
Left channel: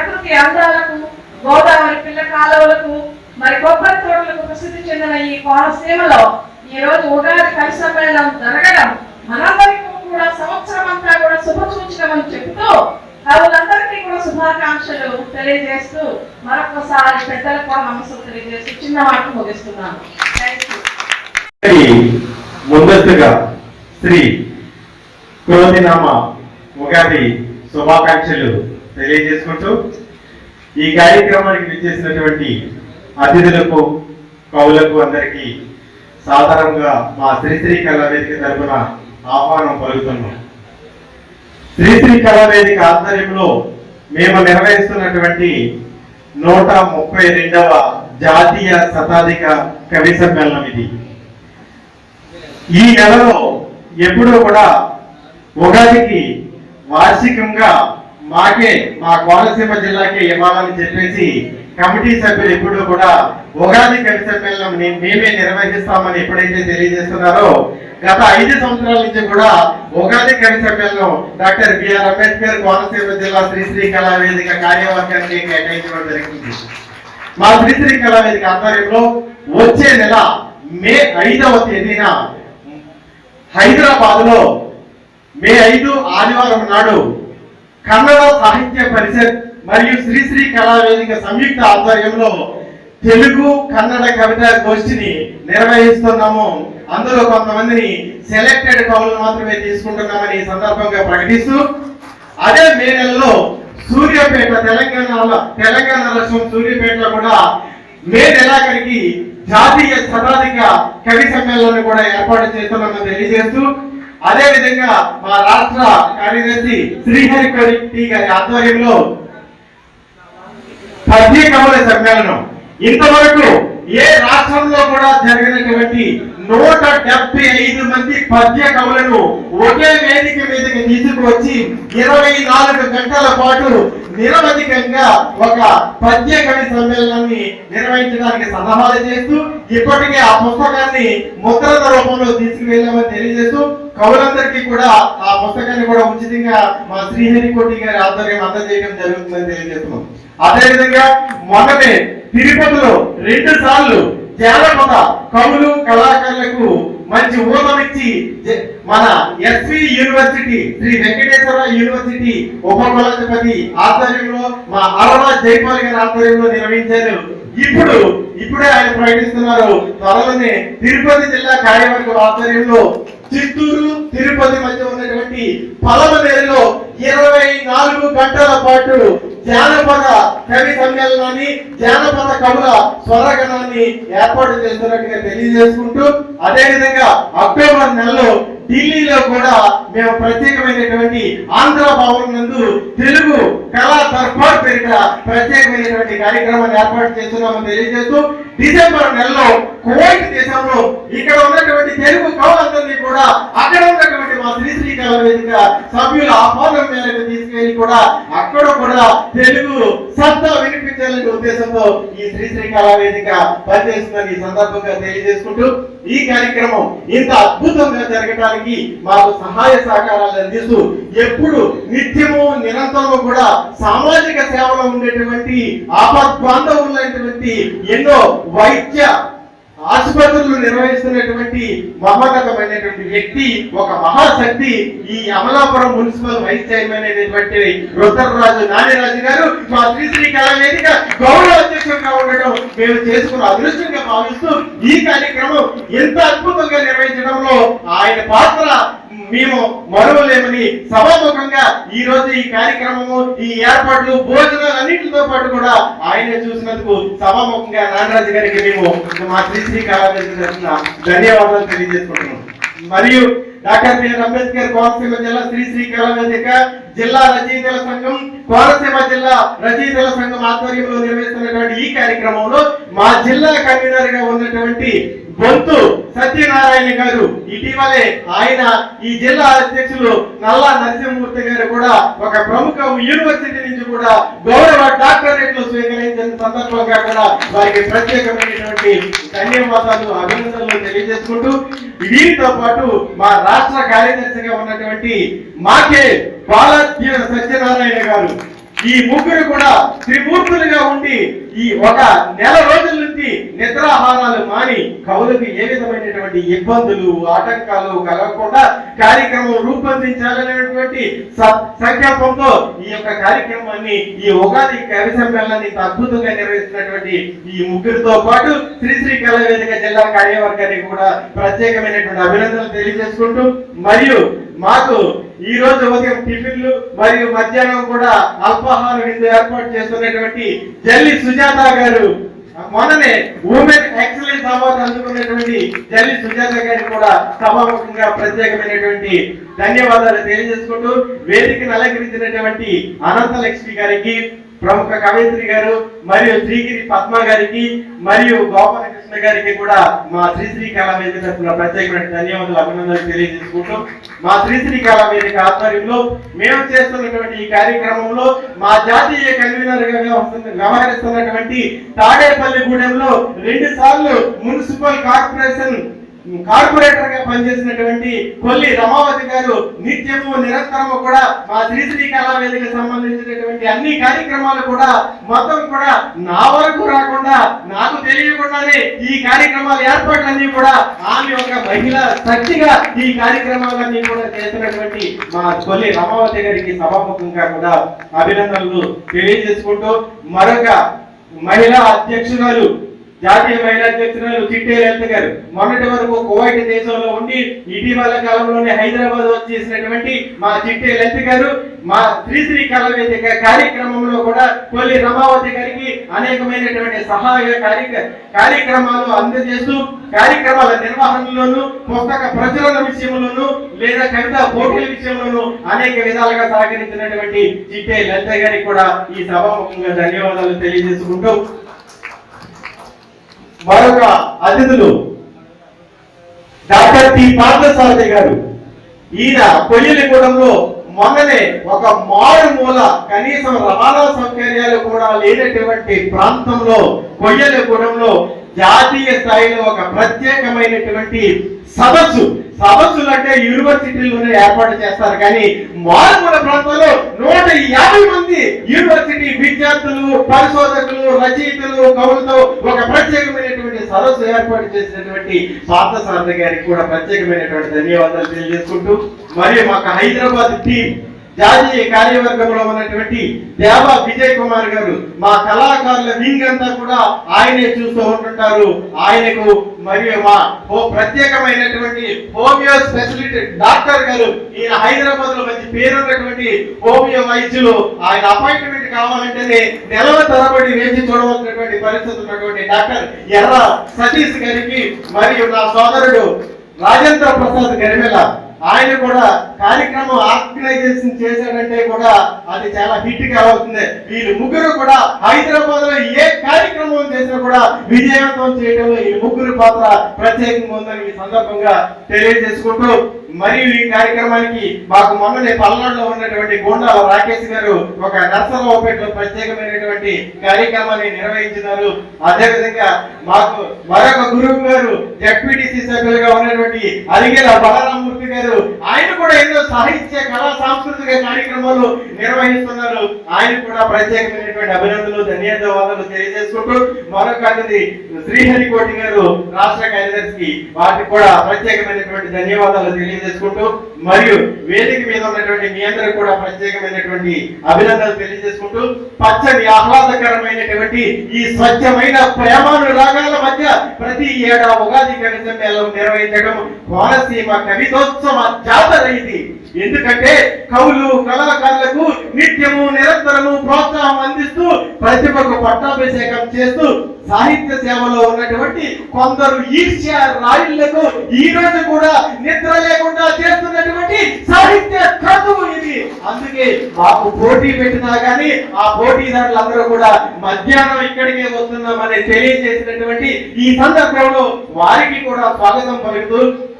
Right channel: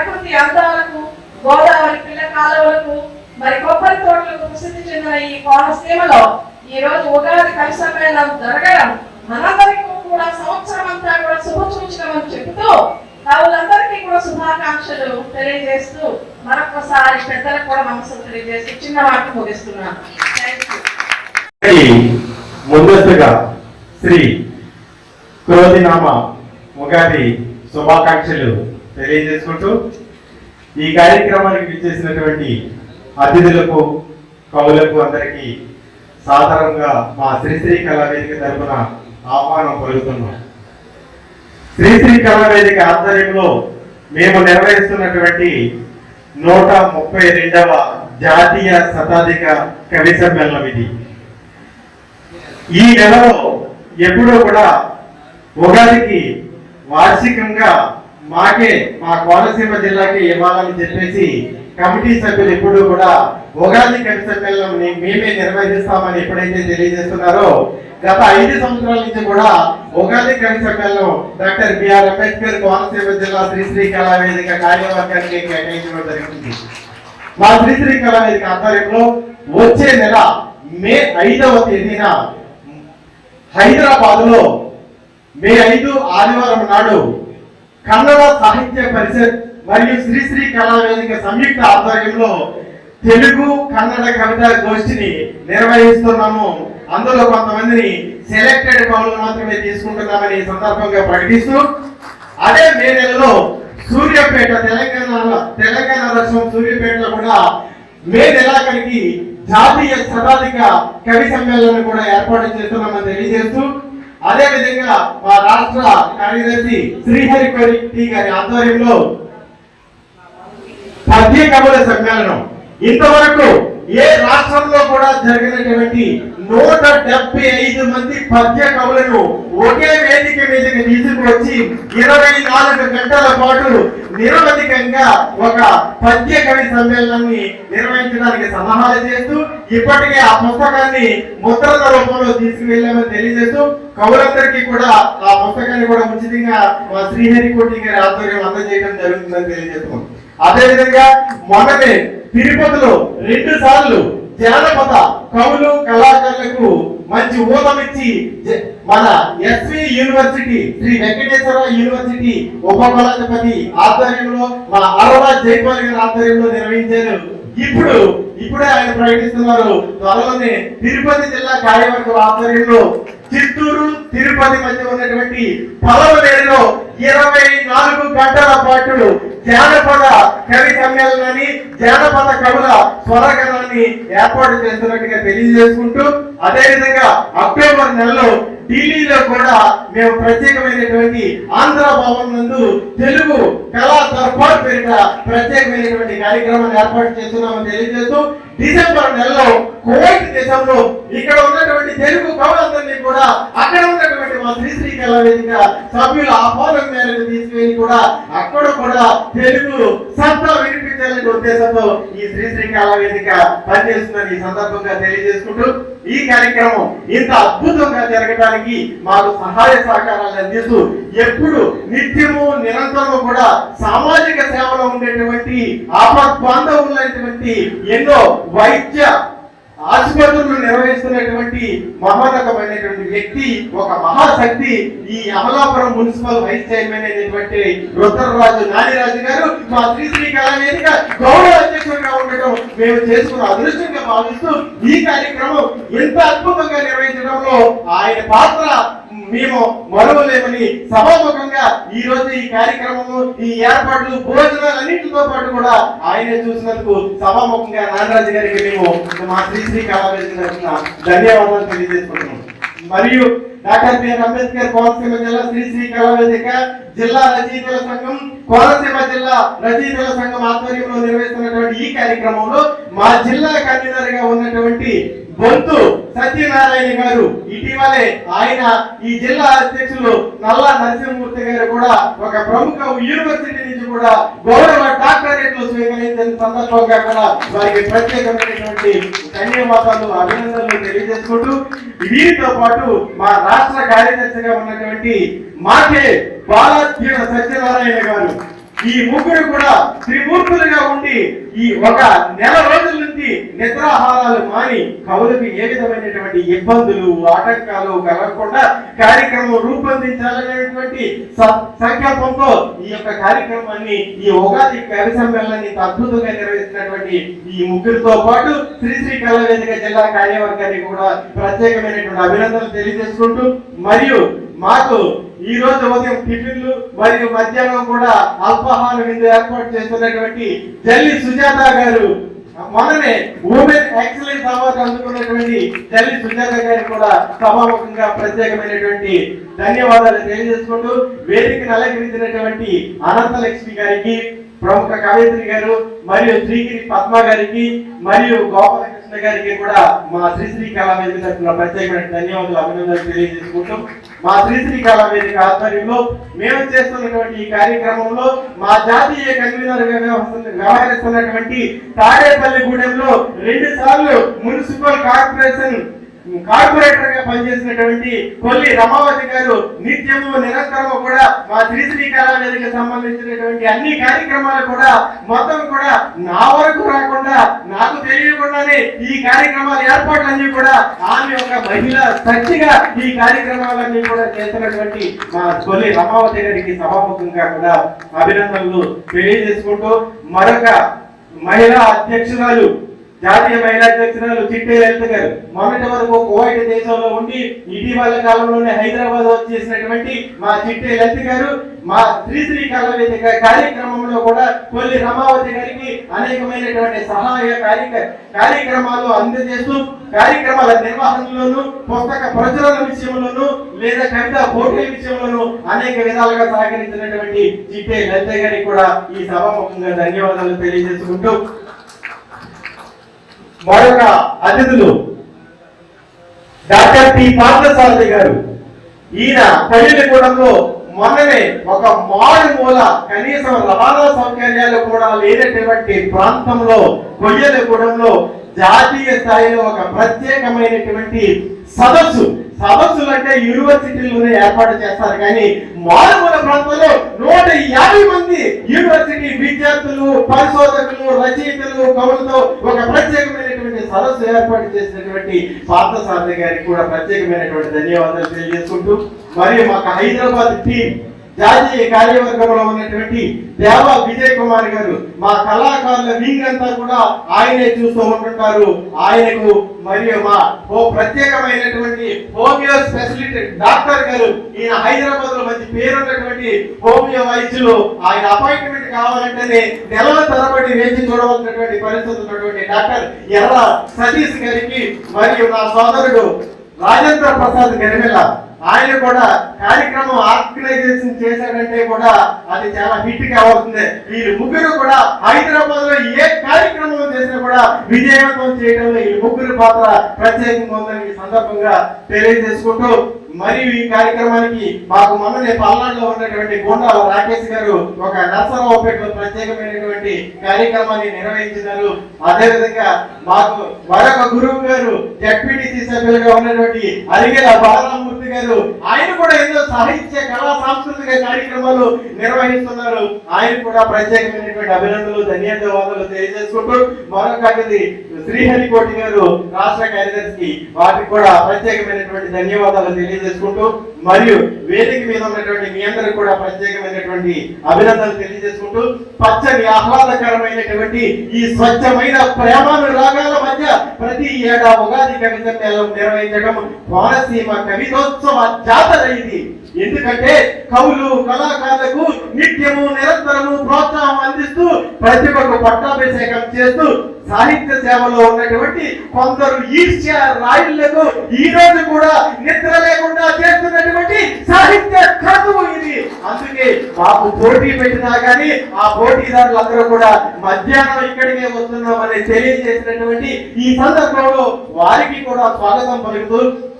కోనసీమలో ఈ రోజు ఉగాది కవి సమ్మేళనం జరగడం మనందరికీ కూడా సంవత్సరం అంతా కూడా శుభ సూచకమని చెబుతూ కవులందరికీ కూడా శుభాకాంక్షలు తెలియజేస్తూ మరొకసారి పెద్దలకు కూడా నమస్కారం తెలియజేస్తూ చిన్న మాట ముగిస్తున్నాను. Thank you. ముందస్తుగా శ్రీ క్రోధినామ ఉగాది శుభాకాంక్షలు తెలియజేసుకుంటూ ఈ కార్యక్రమానికి విచ్చేసినటువంటి అతిథులకు కవులకు అందరికీ సాధారణంగా మా శ్రీశ్రీ కళావేదిక తరఫున ఆహ్వానం పలుకుతున్నాం. శ్రీశ్రీ కళావేదిక ఆధ్వర్యంలో మేము నిర్వహిస్తున్నటువంటి 132వ జాతీయ శతాధిక కవి సమ్మేళనం ఇది. ఈ నెలలో ఎప్పుడూ కూడా ఉగాదికి వార్షికంగా మా కోనసీమ జిల్లాకి ఇవ్వాలని చెప్పేసి కమిటీ సభ్యులు ఎప్పుడు కూడా ఉగాది కవి సమ్మేళనం మేమే నిర్వహిస్తామని ఎప్పుడైతే తెలియజేస్తున్నారో గత 5 సంవత్సరాల నుంచి కూడా ఉగాది కవి సమ్మేళనం డాక్టర్ బిఆర్ అంబేద్కర్ కోనసీమ జిల్లా శ్రీశ్రీ కళావేదిక కార్యవర్గానికి కేటాయించడం జరిగింది. మా శ్రీశ్రీ కళావేదిక ఆధ్వర్యంలో వచ్చే నెల మే 5వ తేదీన హైదరాబాద్ లో మే 5 ఆదివారం నాడు కన్నడ సాహిత్య పరిషత్ మరియు శ్రీశ్రీ కళావేదిక సంయుక్త ఆధ్వర్యంలో తెలుగు కన్నడ కవితా గోష్ఠిని నిర్వహిస్తున్నాము. అందులో కొంతమందిని సెలెక్టెడ్ కవులు మాత్రమే తీసుకుంటున్నామని ఈ సందర్భంగా ప్రకటిస్తూ, అదే మే నెలలో సూర్యాపేట తెలంగాణ రాష్ట్రం సూర్యాపేటలో కూడా మే నెలాఖరికి జాతీయ శతాధిక కవి సమ్మేళనాన్ని కూడా ఏర్పాటు చేస్తున్నామని తెలియజేస్తూ, అదే విధంగా మా రాష్ట్ర కార్యదర్శి శ్రీహరి గారి ఆధ్వర్యంలో పద్య కవుల సమ్మేళనం ఇంతవరకు ఏ రాష్ట్రంలో కూడా జరిగినటువంటి 175 మంది పద్య కవులను ఒకే వేదిక మీదకి తీసుకువచ్చి 24 గంటల పాటు నిరవధికంగా ఒక పద్య కవి సమ్మేళనాన్ని నిర్వహించడానికి సన్నాహాలు చేస్తూ ఇప్పటికే ఆ పుస్తకాన్ని ముద్రణ రూపంలో తీసుకువెళ్ళామని తెలియజేస్తూ కవులందరికీ కూడా ఆ పుస్తకాన్ని కూడా ఉచితంగా మా శ్రీహరికోటి గారి ఆధ్వర్యం అందజేయడం జరుగుతుందని తెలియజేస్తున్నాం. అదేవిధంగా మొన్ననే తిరుపతిలో 2 సార్లు జానపద కవులు కళాకారులకు మంచి ఊతమిచ్చి మన SV university Shri Venkateswara university ఉపకులాధిపతి ఆధ్వర్యంలో మా అరవ జైపాల్ గారి ఆధ్వర్యంలో నిర్వహించారు. ఇప్పుడే ఆయన ప్రకటిస్తున్నారు, త్వరలోనే తిరుపతి జిల్లా కార్యవర్గం ఆధ్వర్యంలో చిత్తూరు తిరుపతి మధ్య ఉన్నటువంటి పలమనేరులో 24 గంటల పాటు జానపద కవి సమ్మేళనాన్ని జానపద కవుల స్వరగణాన్ని ఏర్పాటు చేస్తున్నట్టుగా తెలియజేసుకుంటూ, అదే విధంగా అక్టోబర్ నెలలో ఢిల్లీలో కూడా మేము ప్రత్యేకమైనటువంటి ఆంధ్ర భవన్ నందు తెలుగు కళా దర్బార్ పేరిట ప్రత్యేకమైనటువంటి కార్యక్రమాన్ని ఏర్పాటు చేస్తున్నామని తెలియజేస్తూ, డిసెంబర్ నెలలో కువైట్ దేశంలో ఇక్కడ ఉన్నటువంటి తెలుగు కవులందరినీ కూడా అక్కడ ఉన్నటువంటి మా శ్రీశ్రీ కళావేదిక సభ్యుల ఆహ్వానం మేరకు తీసుకెళ్లి కూడా అక్కడ కూడా తెలుగు సత్తా వినిపించాలనే ఉద్దేశంతో ఈ శ్రీశ్రీ కళావేదిక పనిచేస్తుందని ఈ సందర్భంగా తెలియజేసుకుంటూ, ఈ కార్యక్రమం ఇంత అద్భుతంగా జరగడానికి మాకు సహాయ సహకారాలు అందిస్తూ ఎప్పుడు నిత్యము నిరంతరము కూడా సామాజిక సేవలో ఉండేటువంటి ఆపద్బాంధవులైనటువంటి ఎన్నో వైద్య ఆసుపత్రులు నిర్వహిస్తున్నటువంటి మహోన్నతమైనటువంటి వ్యక్తి, ఒక మహాశక్తి, ఈ అమలాపురం మున్సిపల్ వైస్ చైర్మన్ అయినటువంటి రుద్రరాజు నానిరాజు గారు మా శ్రీశ్రీ కళావేదిక గౌరవ అధ్యక్షులుగా ఉండటం మేము చేసుకున్న అదృష్టంగా భావిస్తూ ఈ కార్యక్రమం ఎంత అద్భుతంగా నిర్వహించడంలో ఆయన పాత్ర మేము మరువలేమని సభాముఖంగా ఈ రోజు ఈ కార్యక్రమము ఈ ఏర్పాట్లు భోజనాలు అన్నింటితో పాటు కూడా ఆయనే చూసినందుకు సభాముఖంగా నాగరాజు గారికి మేము మా శ్రీశ్రీ కళావేదిక తరఫున ధన్యవాదాలు తెలియజేసుకుంటున్నాం. మరియు డాక్టర్ బిఆర్ అంబేద్కర్ కోనసీమ జిల్లా శ్రీశ్రీ కళావేదిక జిల్లా రచయితల సంఘం కోనసీమ జిల్లా రచయితల సంఘం ఆధ్వర్యంలో నిర్వహిస్తున్నటువంటి ఈ కార్యక్రమంలో మా జిల్లా కన్వీనర్ గా ఉన్నటువంటి బొంతు సత్యనారాయణ గారు ఇటీవలే ఆయన ఈ జిల్లా అధ్యక్షులు నల్లా నరసింహమూర్తి గారు కూడా ఒక ప్రముఖ యూనివర్సిటీ నుంచి కూడా గౌరవ డాక్టరేట్లు స్వీకరించిన సందర్భంగా కూడా వారికి ప్రత్యేకమైనటువంటి ధన్యవాదాలు అభినందనలు తెలియజేసుకుంటూ, వీరితో పాటు మా రాష్ట్ర కార్యదర్శిగా ఉన్నటువంటి మాకే బాలాజీ సత్యనారాయణ గారు ఈ ముగ్గురు కూడా త్రిమూర్తులుగా ఉండి ఈ ఒక నెల రోజుల నుంచి నిద్రాహారాలు మాని కవులకి ఏ విధమైనటువంటి ఇబ్బందులు ఆటంకాలు కలగకుండా కార్యక్రమం రూపొందించాలనేటువంటి సంకల్పంతో ఈ యొక్క కార్యక్రమాన్ని ఈ ఉగాది కవి సమ్మేళనాన్ని అద్భుతంగా నిర్వహిస్తున్నటువంటి ఈ ముగ్గురితో పాటు శ్రీ కళా వేదిక జిల్లా కార్యవర్గానికి కూడా ప్రత్యేకమైనటువంటి అభినందనలు తెలియజేసుకుంటూ మరియు మాకు ఈ రోజు ఉదయం టిఫిన్లు మరియు మధ్యాహ్నం కూడా అల్పాహార విందు ఏర్పాటు చేస్తున్నటువంటి జల్లి సుజాత గారు మొన్ననే ఉమెన్ ఎక్సలెన్స్ అవార్డు అందుకున్నటువంటి జల్లి సుజాత గారికి కూడా సభాముఖంగా ప్రత్యేకమైనటువంటి ధన్యవాదాలు తెలియజేసుకుంటూ వేదికను అలంకరించినటువంటి అనంతలక్ష్మి గారికి ప్రముఖ కవయిత్రి గారు మరియు శ్రీగిరి పద్మ గారికి మరియు గోపాలకృష్ణ గారికి కూడా మా శ్రీ కళా వేదిక తరఫున ప్రత్యేకమైన ధన్యవాదాలు అభినందనలు తెలియజేసుకుంటూ మా శ్రీ కళా వేదిక ఆధ్వర్యంలో మేము చేస్తున్నటువంటి ఈ కార్యక్రమంలో మా జాతీయ కన్వీనర్ గా వ్యవహరిస్తున్నటువంటి తాడేపల్లిగూడెంలో 2 సార్లు మున్సిపల్ కార్పొరేటర్ గా పనిచేసినటువంటి కొల్లి రమావతి గారు నిత్యము నిరంతరము కూడా మా శ్రీ కళా వేదిక సంబంధించినటువంటి అన్ని కార్యక్రమాలు కూడా మొత్తం కూడా నా వరకు రాకుండా నాకు తెలియకుండానే ఈ కార్యక్రమాల ఏర్పాట్లన్నీ కూడా ఆమె ఒక మహిళ శక్తిగా ఈ కార్యక్రమాలన్నీ కూడా చేస్తున్నటువంటి మా కొల్లి రమావతి గారికి సభాముఖంగా కూడా అభినందనలు తెలియజేసుకుంటూ మరొక మహిళా అధ్యక్షురాలు జాతీయ మహిళా అధ్యక్షురాలు చిట్టే లలిత గారు మొన్నటి వరకు కువైట్ దేశంలో ఉండి ఇటీవల కాలంలోనే హైదరాబాద్ వచ్చేసినటువంటి మా చిట్టే లలిత గారు మా శ్రీ కళా వేదిక కార్యక్రమంలో కూడా కొల్లి రమావతి గారికి అనేకమైనటువంటి సహాయ కార్యక్రమాలు అందజేస్తూ కార్యక్రమాల నిర్వహణలోను పుస్తక ప్రచురణ విషయంలోను లేదా కవిత పోటీల విషయంలోను అనేక విధాలుగా సహకరించినటువంటి చిట్టే లలిత గారికి కూడా ఈ సభాముఖంగా ధన్యవాదాలు తెలియజేసుకుంటూ మరొక అతిథులు డాక్టర్ టి పార్థసారథి గారు. ఈయన కొయ్యలిగూడెంలో మొన్ననే ఒక మారుమూల కనీసం రవాణా సౌకర్యాలు కూడా లేనటువంటి ప్రాంతంలో కొయ్యలిగూడెంలో జాతీయ స్థాయిలో ఒక ప్రత్యేకమైనటువంటి సదస్సులు అంటే యూనివర్సిటీలోనే ఏర్పాటు చేస్తారు కానీ మారుమూల ప్రాంతంలో 150 మంది యూనివర్సిటీ విద్యార్థులు పరిశోధకులు రచయితలు కవులతో ఒక ప్రత్యేకమైనటువంటి సదస్సు ఏర్పాటు చేసినటువంటి పార్థసారథి గారికి కూడా ప్రత్యేకమైనటువంటి ధన్యవాదాలు తెలియజేసుకుంటూ మరియు మాకు హైదరాబాద్ టీం జాతీయ కార్యవర్గంలో ఉన్నటువంటి దేవా విజయ్ కుమార్ గారు మా కళాకారుల వింగ్ అంతా కూడా ఆయనే చూస్తూ ఉంటుంటారు. ఆయనకు మరియు మా ప్రత్యేకమైనటువంటి హోమియో స్పెషలిస్ట్ డాక్టర్ గారు ఈయన హైదరాబాద్ లో మంచి పేరున్నటువంటి హోమియో వైద్యులు. ఆయన అపాయింట్మెంట్ కావాలంటేనే నెలల తరబడి వేచి చూడవలసినటువంటి పరిస్థితి ఉన్నటువంటి డాక్టర్ ఎర్ర సతీష్ గారికి మరియు నా సోదరుడు రాజేంద్ర ప్రసాద్ గరిమెల ఆయన కూడా కార్యక్రమం ఆర్గనైజేషన్ చేశాడంటే కూడా అది చాలా హిట్ కావాల్సిందే. వీళ్ళు ముగ్గురు కూడా హైదరాబాద్ లో ఏ కార్యక్రమం చేసినా కూడా విజయవంతం చేయడంలో ఈ ముగ్గురు పాత్ర ప్రత్యేకంగా ఉందని ఈ సందర్భంగా తెలియజేసుకుంటూ మరియు ఈ కార్యక్రమానికి మాకు మొన్ననే పల్నాడులో ఉన్నటువంటి గోండాల రాకేష్ గారు ఒక నర్సరావుపేటలో ప్రత్యేకమైనటువంటి కార్యక్రమాన్ని నిర్వహించినారు. అదేవిధంగా మాకు మరొక గురువు గారు జడ్పీటీసీ సభ్యులుగా ఉన్నటువంటి అలిగేల బాలరామూర్తి గారు ఆయన కూడా ఎన్నో సాహిత్య కళా సాంస్కృతిక కార్యక్రమాలు నిర్వహిస్తున్నారు. ఆయన కూడా ప్రత్యేకమైనటువంటి అభినందనలు ధన్యవాదాలు తెలియజేసుకుంటూ మరొక అతిథి శ్రీహరికోటి గారు రాష్ట్ర కార్యదర్శికి వాటికి కూడా ప్రత్యేకమైనటువంటి ధన్యవాదాలు తెలియజేసుకుంటూ మరియు వేదిక మీద ఉన్నటువంటి మీ అందరూ కూడా ప్రత్యేకమైనటువంటి అభినందనలు తెలియజేసుకుంటూ పచ్చని ఆహ్లాదకరమైనటువంటి ఈ స్వచ్ఛమైన ప్రేమానురాగాల మధ్య ప్రతి ఏడా ఉగాది కవి సమ్మేళనం నిర్వహించడం కోనసీమ కవితోత్సవ జాతర ఇది. ఎందుకంటే కవులు కళాకారులకు నిత్యము నిరంతరము ప్రోత్సాహం అందిస్తూ ప్రతిభకు పట్టాభిషేకం చేస్తూ సాహిత్య సేవలో ఉన్నటువంటి కొందరు ఈర్ష్య రాయుళ్లకు ఈ రోజు కూడా నిద్ర లేకుండా చేస్తున్నటువంటి సాహిత్య క్రతువు ఇది. అందుకే మాకు పోటీ పెట్టినా గానీ ఆ పోటీదారులందరూ కూడా మధ్యాహ్నం ఇక్కడికే వస్తున్నామని తెలియజేసినటువంటి ఈ సందర్భంలో వారికి కూడా స్వాగతం పలుకుతూ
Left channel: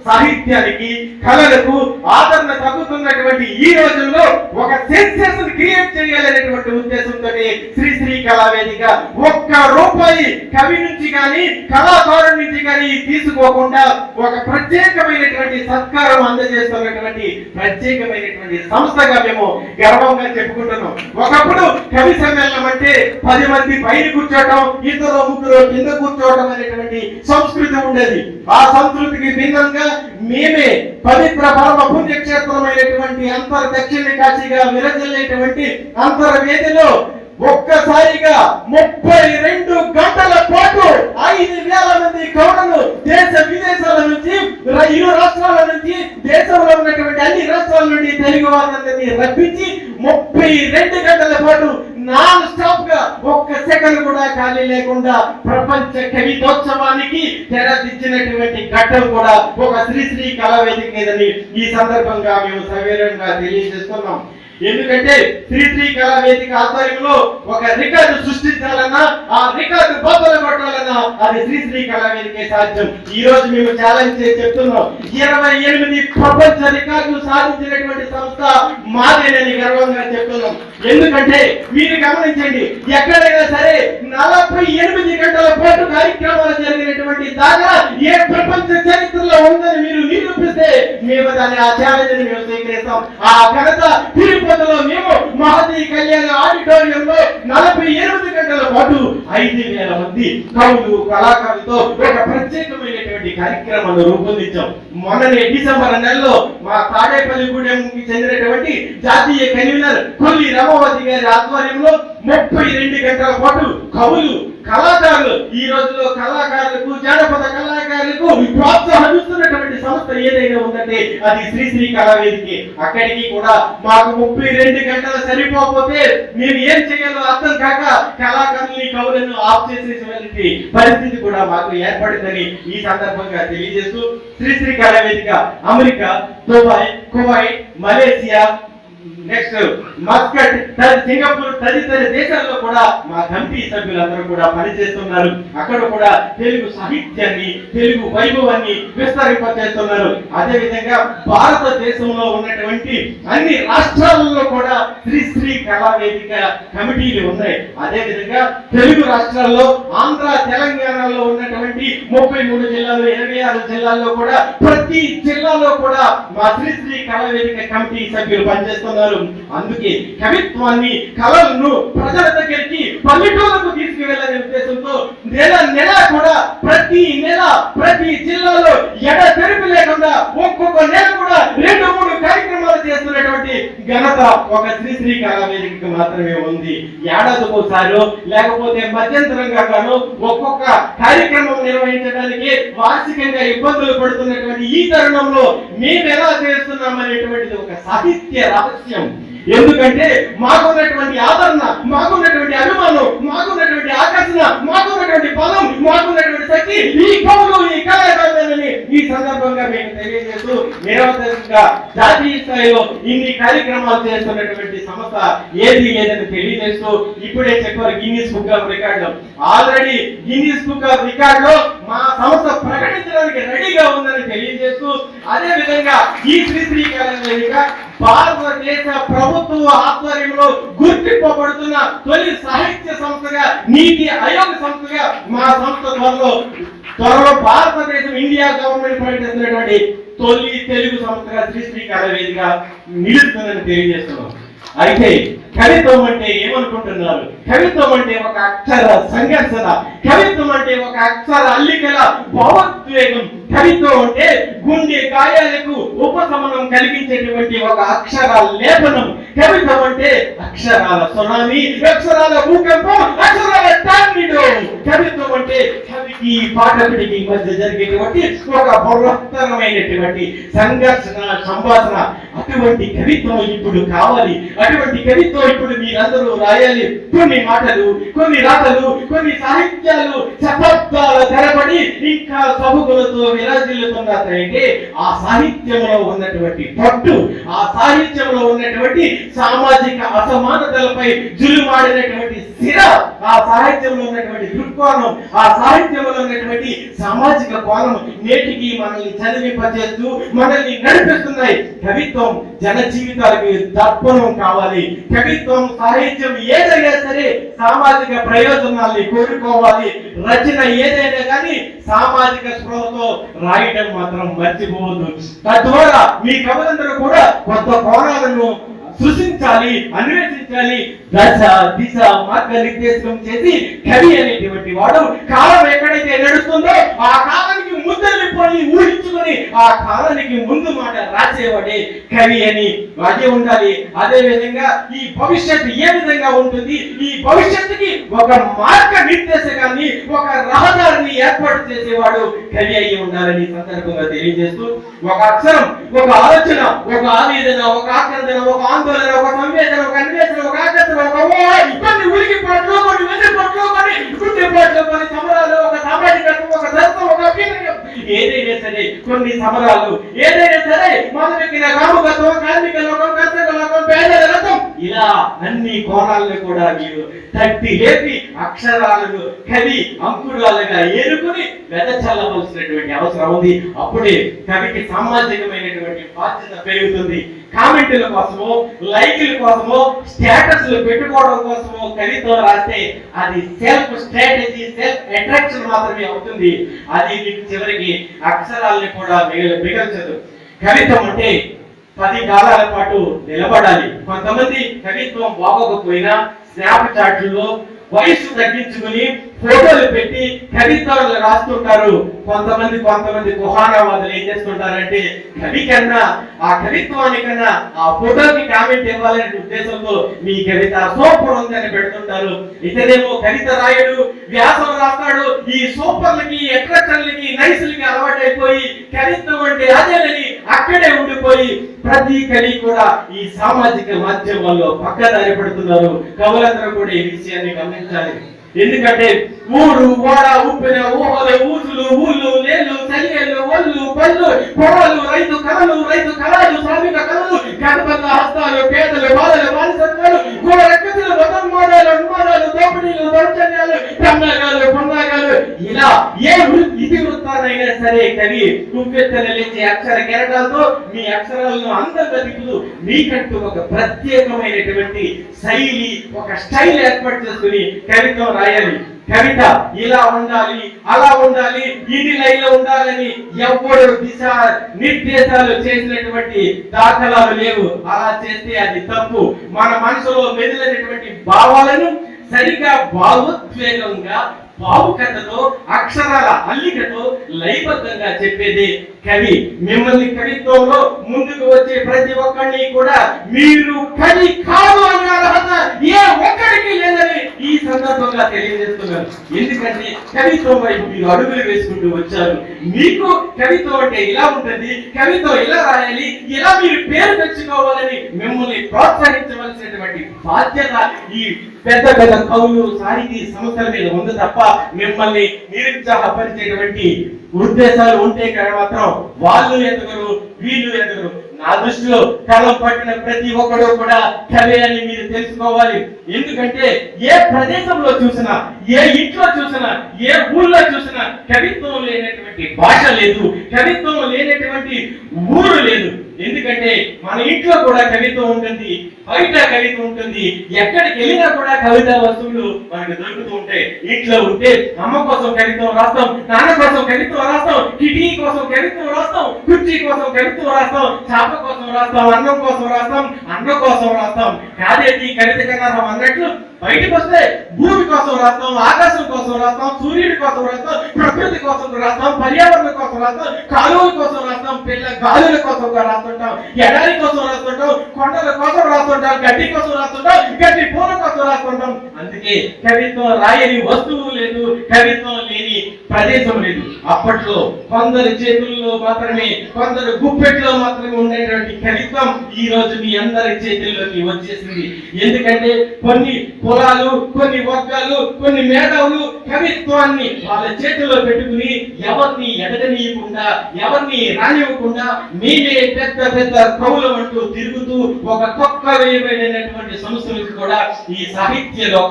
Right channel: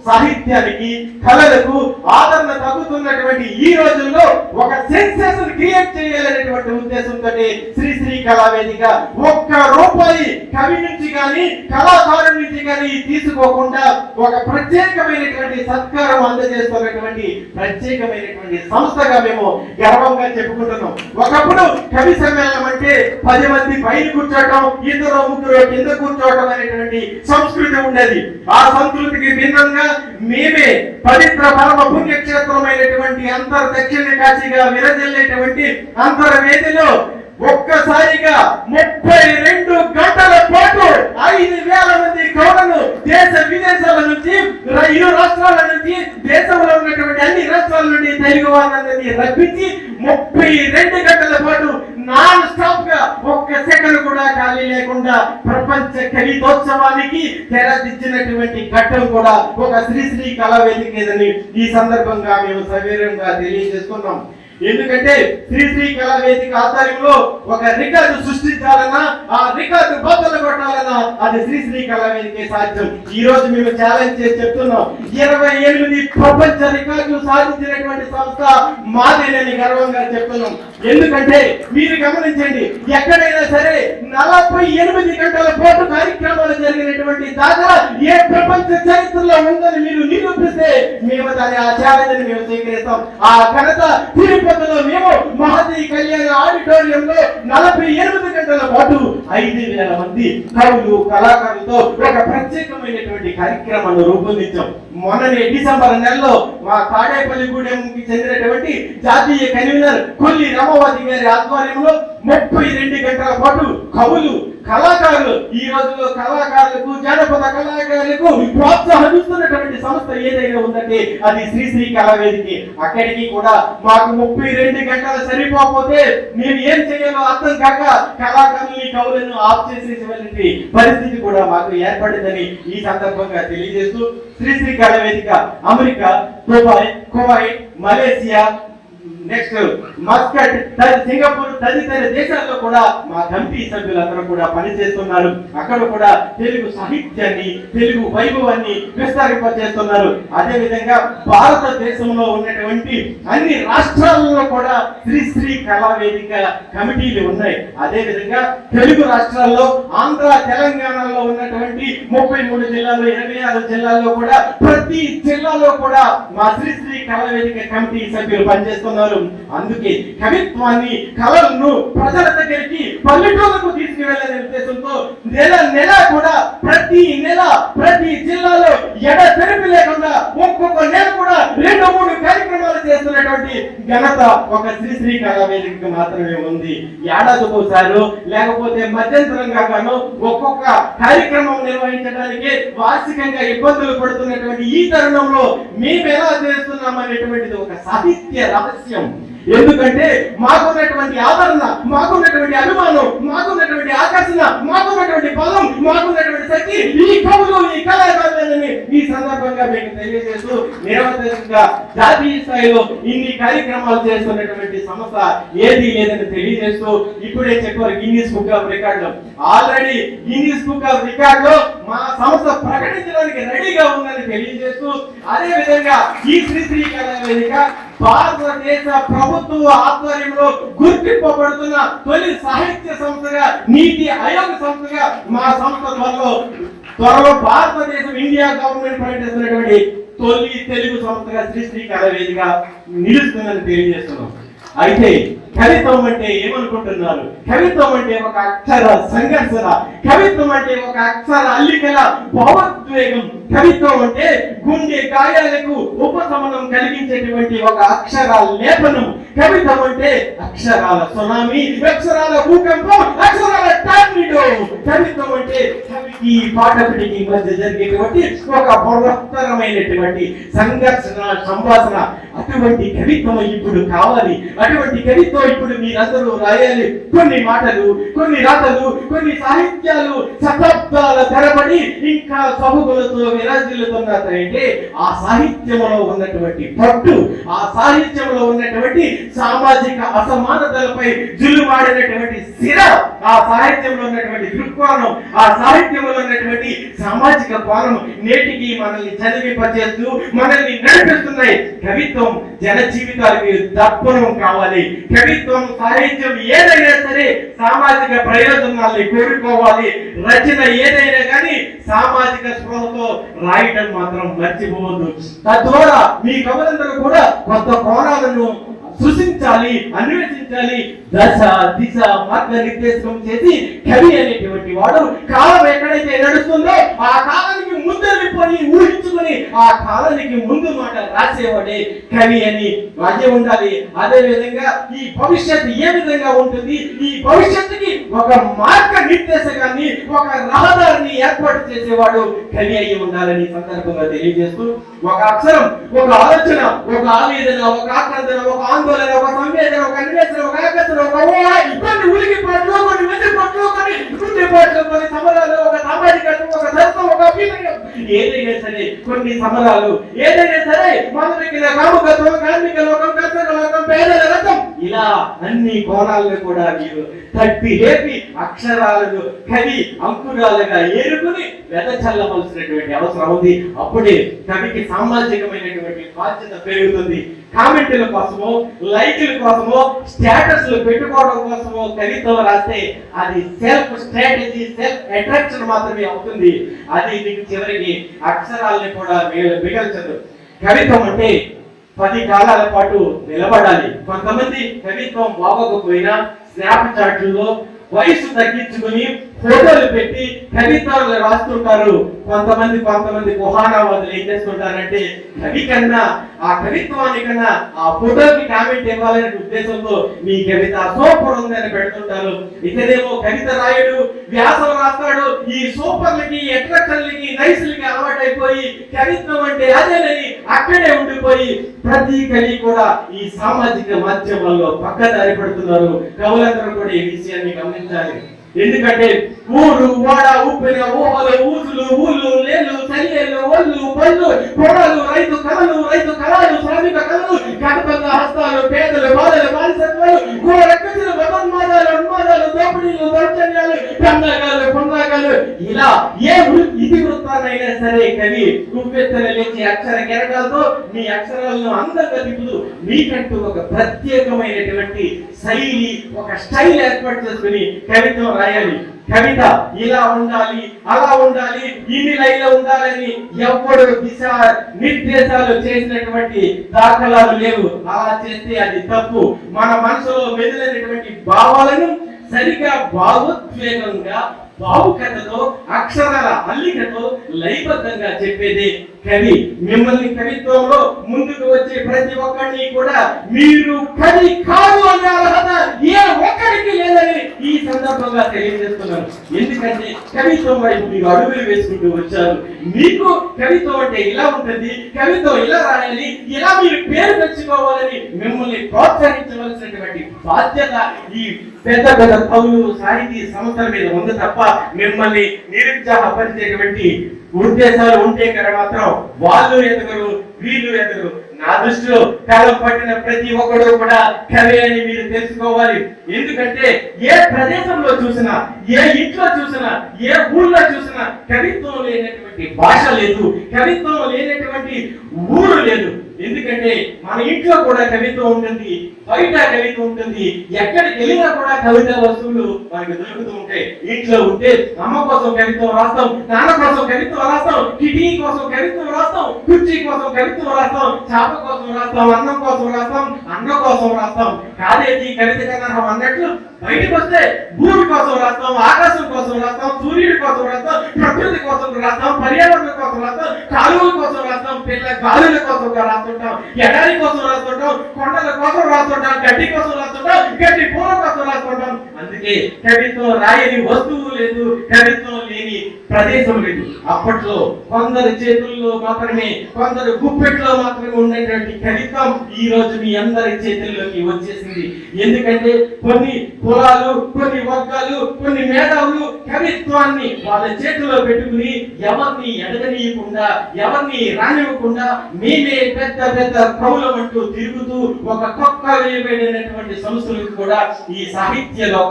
సాహిత్యానికి కళలకు ఆదరణ తగ్గుతున్నటువంటి ఈ రోజుల్లో ఒక సెన్సేషన్ క్రియేట్ చేయాలనేటువంటి ఉద్దేశంతో శ్రీ కళావేదిక ఒక్క రూపాయి కవి నుంచి కానీ కళాకారుడి నుంచి కానీ తీసుకోకుండా ఒక ప్రత్యేకమైనటువంటి సత్కారం అందజేస్తున్నటువంటి ప్రత్యేకమైనటువంటి సంస్థగా మేము గర్వంగా చెప్పుకుంటున్నాం. ఒకప్పుడు కవి సమ్మేళనం అంటే 10 మంది పైన కూర్చోవటం, 2-3 కింద కూర్చోవటం అనేటువంటి సంస్కృతి ఉండేది. ఆ సంస్కృతికి భిన్నంగా మేమే పవిత్ర పరమ పుణ్యక్షేత్రమైనటువంటి దక్షిణ కాశీగా విరజిల్లేటువంటి అంతర్వేదిలో ఒక్కసారిగా 32 గంటల పాటు 5,000 మంది కవులను దేశ విదేశాల నుంచి, ఇరు రాష్ట్రాల నుంచి, దేశంలో ఉన్నటువంటి అన్ని రాష్ట్రాల నుండి తెలుగు వారిని రప్పించి 32 గంటల పాటు నాన్ స్టాప్ గా ఒక్క సెకండ్ కూడా ఖాళీ లేకుండా ప్రపంచ కవితోత్సవానికి తెరదిచ్చినటువంటి ఘట్టం కూడా ఒక శ్రీ కళావేదిక లేదని ఈ సందర్భంగా మేము సవివరంగా తెలియజేస్తున్నాం. ఎందుకంటే శ్రీ కళావేదిక ఆధ్వర్యంలో ఒక రికార్డు సృష్టించాలన్నా, ఆ రికార్డు బద్దలు కొట్టాలన్నా అది శ్రీ కళావేదికే సాధ్యం. ఈ రోజు మేము ఛాలెంజ్ చేసి చెప్తున్నాం, 28 ప్రపంచ రికార్డులు సాధించినటువంటి సంస్థ మాదేనని గర్వంగా చెప్తున్నాం. ఎందుకంటే మీరు గమనించండి, ఎక్కడైనా సరే 48 గంటల పాటు కార్యక్రమాలు జరిగినటువంటి దాఖలా ఏ ప్రపంచ చరిత్రలో ఉందని మీరు నిరూపిస్తే మేము దాని ఆ ఛాలెంజ్ మేము స్వీకరిస్తాం. ఆ ఘనత తిరుపతిలో మేము మహతి కళ్యాణ ఆడిటోరియంలో 48 గంటల పాటు 5,000 మంది కవులు కళాకారులతో ఒక ప్రత్యేకమైనటువంటి కార్యక్రమాన్ని రూపొందించాం. మొన్ననే డిసెంబర్ నెలలో మా తాడేపల్లిగూడెంకి చెందినటువంటి జాతీయ కన్వీనర్ కొల్లి రమవతి గారి ఆధ్వర్యంలో 32 గంటల పాటు కవులు కళాకారులు, ఈ రోజులో కళాకారులకు, జానపద కళాకారులకు ప్రోత్సాహమిస్తున్నటువంటి సంస్థ ఏదైనా ఉందంటే అది శ్రీ కళావేదిక. అక్కడికి కూడా మాకు 32 గంటలు సరిపోకపోతే మేము ఏం చేయాలో అర్థం కాక కళాకారుల్ని, కవులను ఆఫ్ చేసేటువంటి పరిస్థితి కూడా మాకు ఏర్పడిందని ఈ సందర్భంగా తెలియజేస్తూ Shri కళావేదిక America, Dubai, Kuwait, Malaysia, next Muscat, Singapore తదితర దేశాల్లో కూడా మా కమిటీ సభ్యులందరూ కూడా పనిచేస్తున్నారు. అక్కడ కూడా తెలుగు సాహిత్యాన్ని, తెలుగు వైభవాన్ని విస్తరింపజేస్తున్నారు. అదే విధంగా భారతదేశంలో ఉన్నటువంటి అన్ని రాష్ట్రాలలో కూడా శ్రీ కళావేదిక కమిటీలు ఉన్నాయి. అదే విధంగా తెలుగు రాష్ట్రాల్లో ఆంధ్ర, తెలంగాణలో ఉన్నటువంటి 33 జిల్లాలు, 26 జిల్లాల్లో కూడా ప్రతి జిల్లాలో కూడా మా శ్రీ కళావేదిక కమిటీ సభ్యులు పనిచేస్తున్నారు. అందుకే కవిత్వాన్ని, కళలను ప్రజల దగ్గరికి, పల్లెటూరులకు తీసుకువెళ్ళాలనే ఉద్దేశంతో నెల కూడా ప్రతి నెల ప్రతి జిల్లాలో తెరిపి లేకుండా ఒక్కొక్క నెల కూడా 2-3 కార్యక్రమాలు చేస్తున్నటువంటి ఘనత ఒక శ్రీ కళావేదికకు మాత్రమే ఉంది. ఏడాదికి ఒకసారి లేకపోతే మధ్యంతరంగా గాను ఒక్కొక్క కార్యక్రమం నిర్వహించడానికి వార్షికంగా ఇబ్బందులు పడుతున్నటువంటి ఈ తరుణంలో మేము ఎలా చేస్తున్నాం అనేటువంటిది ఒక సాహిత్య రహస్యం. ఎందుకంటే మాకున్నటువంటి ఆదరణ, మాకున్నటువంటి అభిమానం, మాకున్నటువంటి ఆకర్షణ, మాకున్నటువంటి బలం, మాకున్నటువంటి శక్తి ఈ కవులు, ఈ కళాకారులని ఈ సందర్భంగా మేము తెలియజేస్తూ నిరంతరంగా జాతీయ స్థాయిలో ఇన్ని కార్యక్రమాలు చేస్తున్నటువంటి సంస్థ ఏది లేదని తెలియజేస్తూ ఇప్పుడే చెప్పారు గిన్నిస్ బుక్ ఆఫ్ రికార్డులో. ఆల్రెడీ గిన్నిస్ బుక్ ఆఫ్ రికార్డులో మా సంస్థ ప్రకటించడానికి రెడీగా ఉందని తెలియజేస్తూ, అదే విధంగా ఈ శ్రీ కళావేదిక భారతదేశ ప్రభుత్వ ఆధ్వర్యంలో గుర్తింపబడుతున్న తొలి సాహిత్య సంస్థగా, నీతి ఆయోగ్ సంస్థగా మా సంస్థ త్వరలో భారతదేశం, ఇండియా గవర్నమెంట్ ప్రకటిస్తున్నటువంటి తొలి తెలుగు సంస్థగా శ్రీ కళావేదిక నిలుస్తుందని తెలియజేస్తున్నాం. అయితే కవిత్వం అంటే ఏమనుకుంటున్నారు? కవిత్వం అంటే ఒక అక్షర సంఘర్షణ, కవిత్వం అంటే ఒక అక్షర అల్లికల భావోద్వేగం, కవిత్వం అంటే గుండె గాయాలకు ఉపశమనం కలిగించేటువంటి ఒక అక్షర లేపనం, కవిత్వం అంటే అక్షరాల సునామీ, అక్షరాల భూకంపం, అక్షరాల టార్నిడో. కవిత్వం అంటే కవికి పాఠకుడికి మధ్య జరిగేటువంటి ఒక బృహత్తరమైనటువంటి సంఘర్షణ, సంభాషణ. అటువంటి కవిత్వం ఇప్పుడు కావాలి. అటువంటి కవిత్వం ఇప్పుడు మీరందరూ రాయాలి. కొన్ని మాటలు, కొన్ని రాతలు, కొన్ని సాహిత్యాలు శతాబ్దాల తరబడి ఇంకా సబుగులతో విరాజిల్లుతున్నాయంటే ఆ సాహిత్యంలో ఉన్నటువంటి పట్టు, ఆ సాహిత్యంలో ఉన్నటువంటి సామాజిక అసమానతలపై జులుమాడినటువంటి సిర ఆ సాహిత్యంలో ఉన్నటువంటి దృక్కోణం, ఆ సాహిత్యంలో ఉన్నటువంటి సామాజిక కోణం నేటికి మనల్ని చదివింపచేస్తూ మనల్ని నడిపిస్తున్నాయి. కవిత్వం జన జీవితాలకి దర్పణం కావాలి. కవిత్వం సాహిత్యం ఏదైనా సరే సామాజిక ప్రయోజనాల్ని కోరుకోవాలి. రచన ఏదైనా కానీ సామాజిక స్పృహతో రాయడం మాత్రం మర్చిపోవద్దు. తద్వారా మీ కవులందరూ కూడా కొత్త కోణాలను సృష్టించాలి, అన్వేషించాలి. దశ దిశ మార్గ నిర్దేశం చేసి కవి అనేటువంటి వాడు కాలం ఎక్కడైతే నడుస్తుందో ఆ కాలానికి ముందరిపోయి ఊహించుకొని ఆ కాలానికి ముందు మాట రాసేవాడే కవి అని అదే ఉండాలి. అదే విధంగా ఈ భవిష్యత్తు ఏ విధంగా ఉంటుంది, ఈ భవిష్యత్తుకి ఒక మార్గ నిర్దేశకాన్ని, ఒక రహదారిని ఏర్పాటు చేసేవాడు కవి అయి ఉండాలని సందర్భంగా తెలియజేస్తూ, ఒక అక్షరం, ఒక ఆలోచన, ఒక ఆవేదన, ఒక ఆక్రందన, ఒక ఆందోళన, ఒక సంవేదన, ఒక అన్వేషణ, ఒక ఆకర్షణ, ఒక కొన్ని ఉలికి పాటలు, కొన్ని వెండి పాటలు, కొన్ని గుండె పాటలు, కొన్ని సమరాలు, ఒక సామాజికత్వం, ఒక ధర్మం, ఒక అభినయం, ఏదైనా సరే కొన్ని సమరాలు, ఏదైనా సరే మానవిక కాముకత్వం, కార్మిక లోకం, కర్షక లోకం, పేదల రథం, ఇలా అన్ని కోణాలను కూడా మీరు తట్టి లేపి అక్షరాలను కవి అంకురాలుగా ఏరుకుని వెదచల్లవలసినటువంటి అవసరం ఉంది. అప్పుడే కవికి సామాజికమైనటువంటి బాధ్యత పెరుగుతుంది. కామెంట్ల కోసమో, లైక్ల కోసమో, స్టేటస్లు పెట్టుకోవడం కోసమో కవిత్వం రాస్తే అది సెల్ఫ్ స్ట్రాటజీ, సెల్ఫ్ అట్రాక్షన్ మాత్రమే అవుతుంది. అది మీకు చివరికి అక్షరాలని కూడా మిగల్చదు. కవిత్వం అంటే 10 కాలాల పాటు నిలబడాలి. కొంతమంది కవిత్వం బాగోకపోయినా స్నాప్ చాట్లో వయసు తగ్గించుకుని ఫోటోలు పెట్టి కవిత్వాలు రాస్తుంటారు. కొంతమంది కుహానావాదులు ఏం చేస్తుంటారంటే కవి కన్నా ఆ కవిత్వానికన్నా ఆ ఫోటోకి కామెంట్ ఇవ్వాలనే ఉద్దేశంతో మీ కవిత సూపర్ ఉందని పెడుతుంటారు. ఇతనేమో కవిత రాయడు, వ్యాసం రాస్తాడు. ఈ సూపర్లకి, అట్రాక్షన్లకి, నైస్లకి అలవాటైపోయి కవిత్వం అంటే అదేనని అక్కడే ఉండిపోయి ప్రతి కవి కూడా ఈ సామాజిక మాధ్యమాల్లో పక్కదారి పడుతున్నారు. కవులందరూ కూడా ఈ విషయాన్ని గమనించాలి. ఎందుకంటే ఊరు వాడ ఉప్పిన ఊహలు, ఊసులు, ఊళ్ళు, నేళ్ళు, చలియలు, ఒళ్ళు, పళ్ళు, పొడలు, రైతు కళలు, రైతు కళలు, శ్రామిక కళలు, కథబద్ధ హస్తాలు, పేదలు, బాధలు, బానిసత్వాలు, కూడ రక్కసులు, మతోన్మాదాలు, ఉన్మాదాలు, దోపిడీలు, దౌర్జన్యాలు, పండాగాలు, ఇలా ఏ ఇతివృత్తానైనా సరే కవి ఉప్పెత్తన లేచి అక్షర కెరటాలతో మీ అక్షరాలను అందంగా తిప్పుతూ మీకంటూ ఒక ప్రత్యేకమైనటువంటి శైలి, ఒక స్టైల్ ఏర్పాటు చేసుకుని కవిత్వం రాయాలి. కవిత ఇలా ఉండాలి, అలా ఉండాలి, ఇన్ని లైన్లో ఉండాలని ఎవ్వరు దిశ నిర్దేశాలు చేసినటువంటి దాఖలాలు లేవు. అలా చేస్తే అది తప్పు. మన మనసులో మెదిలినటువంటి భావాలను సరిగా భావోద్వేగంగా, భావుకథతో, అక్షరాల అల్లికతో లయబద్ధంగా చెప్పేది కవి. మిమ్మల్ని కవిత్వంలో ముందుకు వచ్చే ప్రతి ఒక్కరిని కూడా మీరు కవి కాదు అనే అర్హత ఏ ఒక్కడికి లేదని ఈ సందర్భంగా తెలియజేస్తున్నాను. ఎందుకంటే కవిత్వం వైపు మీరు అడుగులు వేసుకుంటూ వచ్చారు. మీకు కవిత్వం అంటే ఇలా ఉంటుంది, కవిత్వం ఇలా రాయాలి, ఇలా మీరు పేరు తెచ్చుకోవాలని మిమ్మల్ని ప్రోత్సహించవలసినటువంటి బాధ్యత ఈ పెద్ద కవులు, సాహితీ సంస్థల మీద ఉంది తప్ప మిమ్మల్ని నిరుత్సాహపరిచేటువంటి ఉద్దేశాలు ఉంటే కదా మాత్రం వాళ్ళు ఎదుగురు, వీళ్ళు ఎదుగురు. నా దృష్టిలో కాలం పట్టిన ప్రతి ఒక్కడు కూడా కవి అని మీరు తెలుసుకోవాలి. ఎందుకంటే ఏ ప్రదేశంలో చూసినా, ఏ ఇంట్లో చూసినా, ఏ ఊళ్ళో చూసినా కవిత్వం లేనటువంటి భాష లేదు, కవిత్వం లేనటువంటి ఊరు లేదు. ఎందుకంటే మన ఇంట్లో కూడా కవిత్వం ఉంటుంది, బయట కవిత్వం ఉంటుంది, ఎక్కడికి వెళ్ళినా కూడా కవితా వస్తువులు మనకు దొరుకుతూ ఉంటాయి. ఇంట్లో ఉంటే అమ్మ కోసం కవిత్వం రాస్తాం, నాన్న కోసం కవిత్వం రాస్తాం, కిటికీ కోసం కవిత్వం రాస్తాం, కుర్చీ కోసం కవిత్వం రాస్తాం, చాప కోసం రాస్తాం, అన్నం కోసం రాస్తాం, అన్న కోసం రాస్తాం. కాదేంటి కవిత కన్నా అన్నట్లు బయటకు వస్తే భూమి కోసం రాస్తాం, ఆకాశం కోసం రాస్తాం, సూర్యుడి కోసం రాస్తాం, ప్రకృతి కోసం రాస్తాం, పర్యావరణం కోసం రాస్తాం, కాలువల కోసం రాస్తాం, పిల్ల గాలుల కోసం రాస్తుంటాం, ఎడారి కోసం రాస్తుంటాం, కొండల కోసం రాస్తుంటాం, గడ్డి కోసం రాస్తుంటాం, గడ్డి పూల కోసం రాస్తుంటాం. అందుకే కవిత్వం రాయని వస్తువు లేదు, కవిత్వం లేని ప్రదేశం లేదు. అప్పట్లో కొందరు చేతుల్లో మాత్రమే, కొందరు గుప్పెట్లో మాత్రమే ఉండేటువంటి కవిత్వం ఈ రోజు మీ అందరి చేతుల్లోకి వచ్చేసింది. ఎందుకంటే కొన్ని కులాలు, కొన్ని వర్గాలు, కొన్ని మేధావులు కవిత్వాన్ని వాళ్ళ చేతిలో పెట్టుకుని ఎవరిని ఎదగనీయకుండా, ఎవరిని రానివ్వకుండా మేమే పెద్ద పెద్ద కవులం అంటూ తిరుగుతూ ఒక కొత్త వేయబడినటువంటి సంస్థలకు కూడా ఈ సాహిత్య లోకం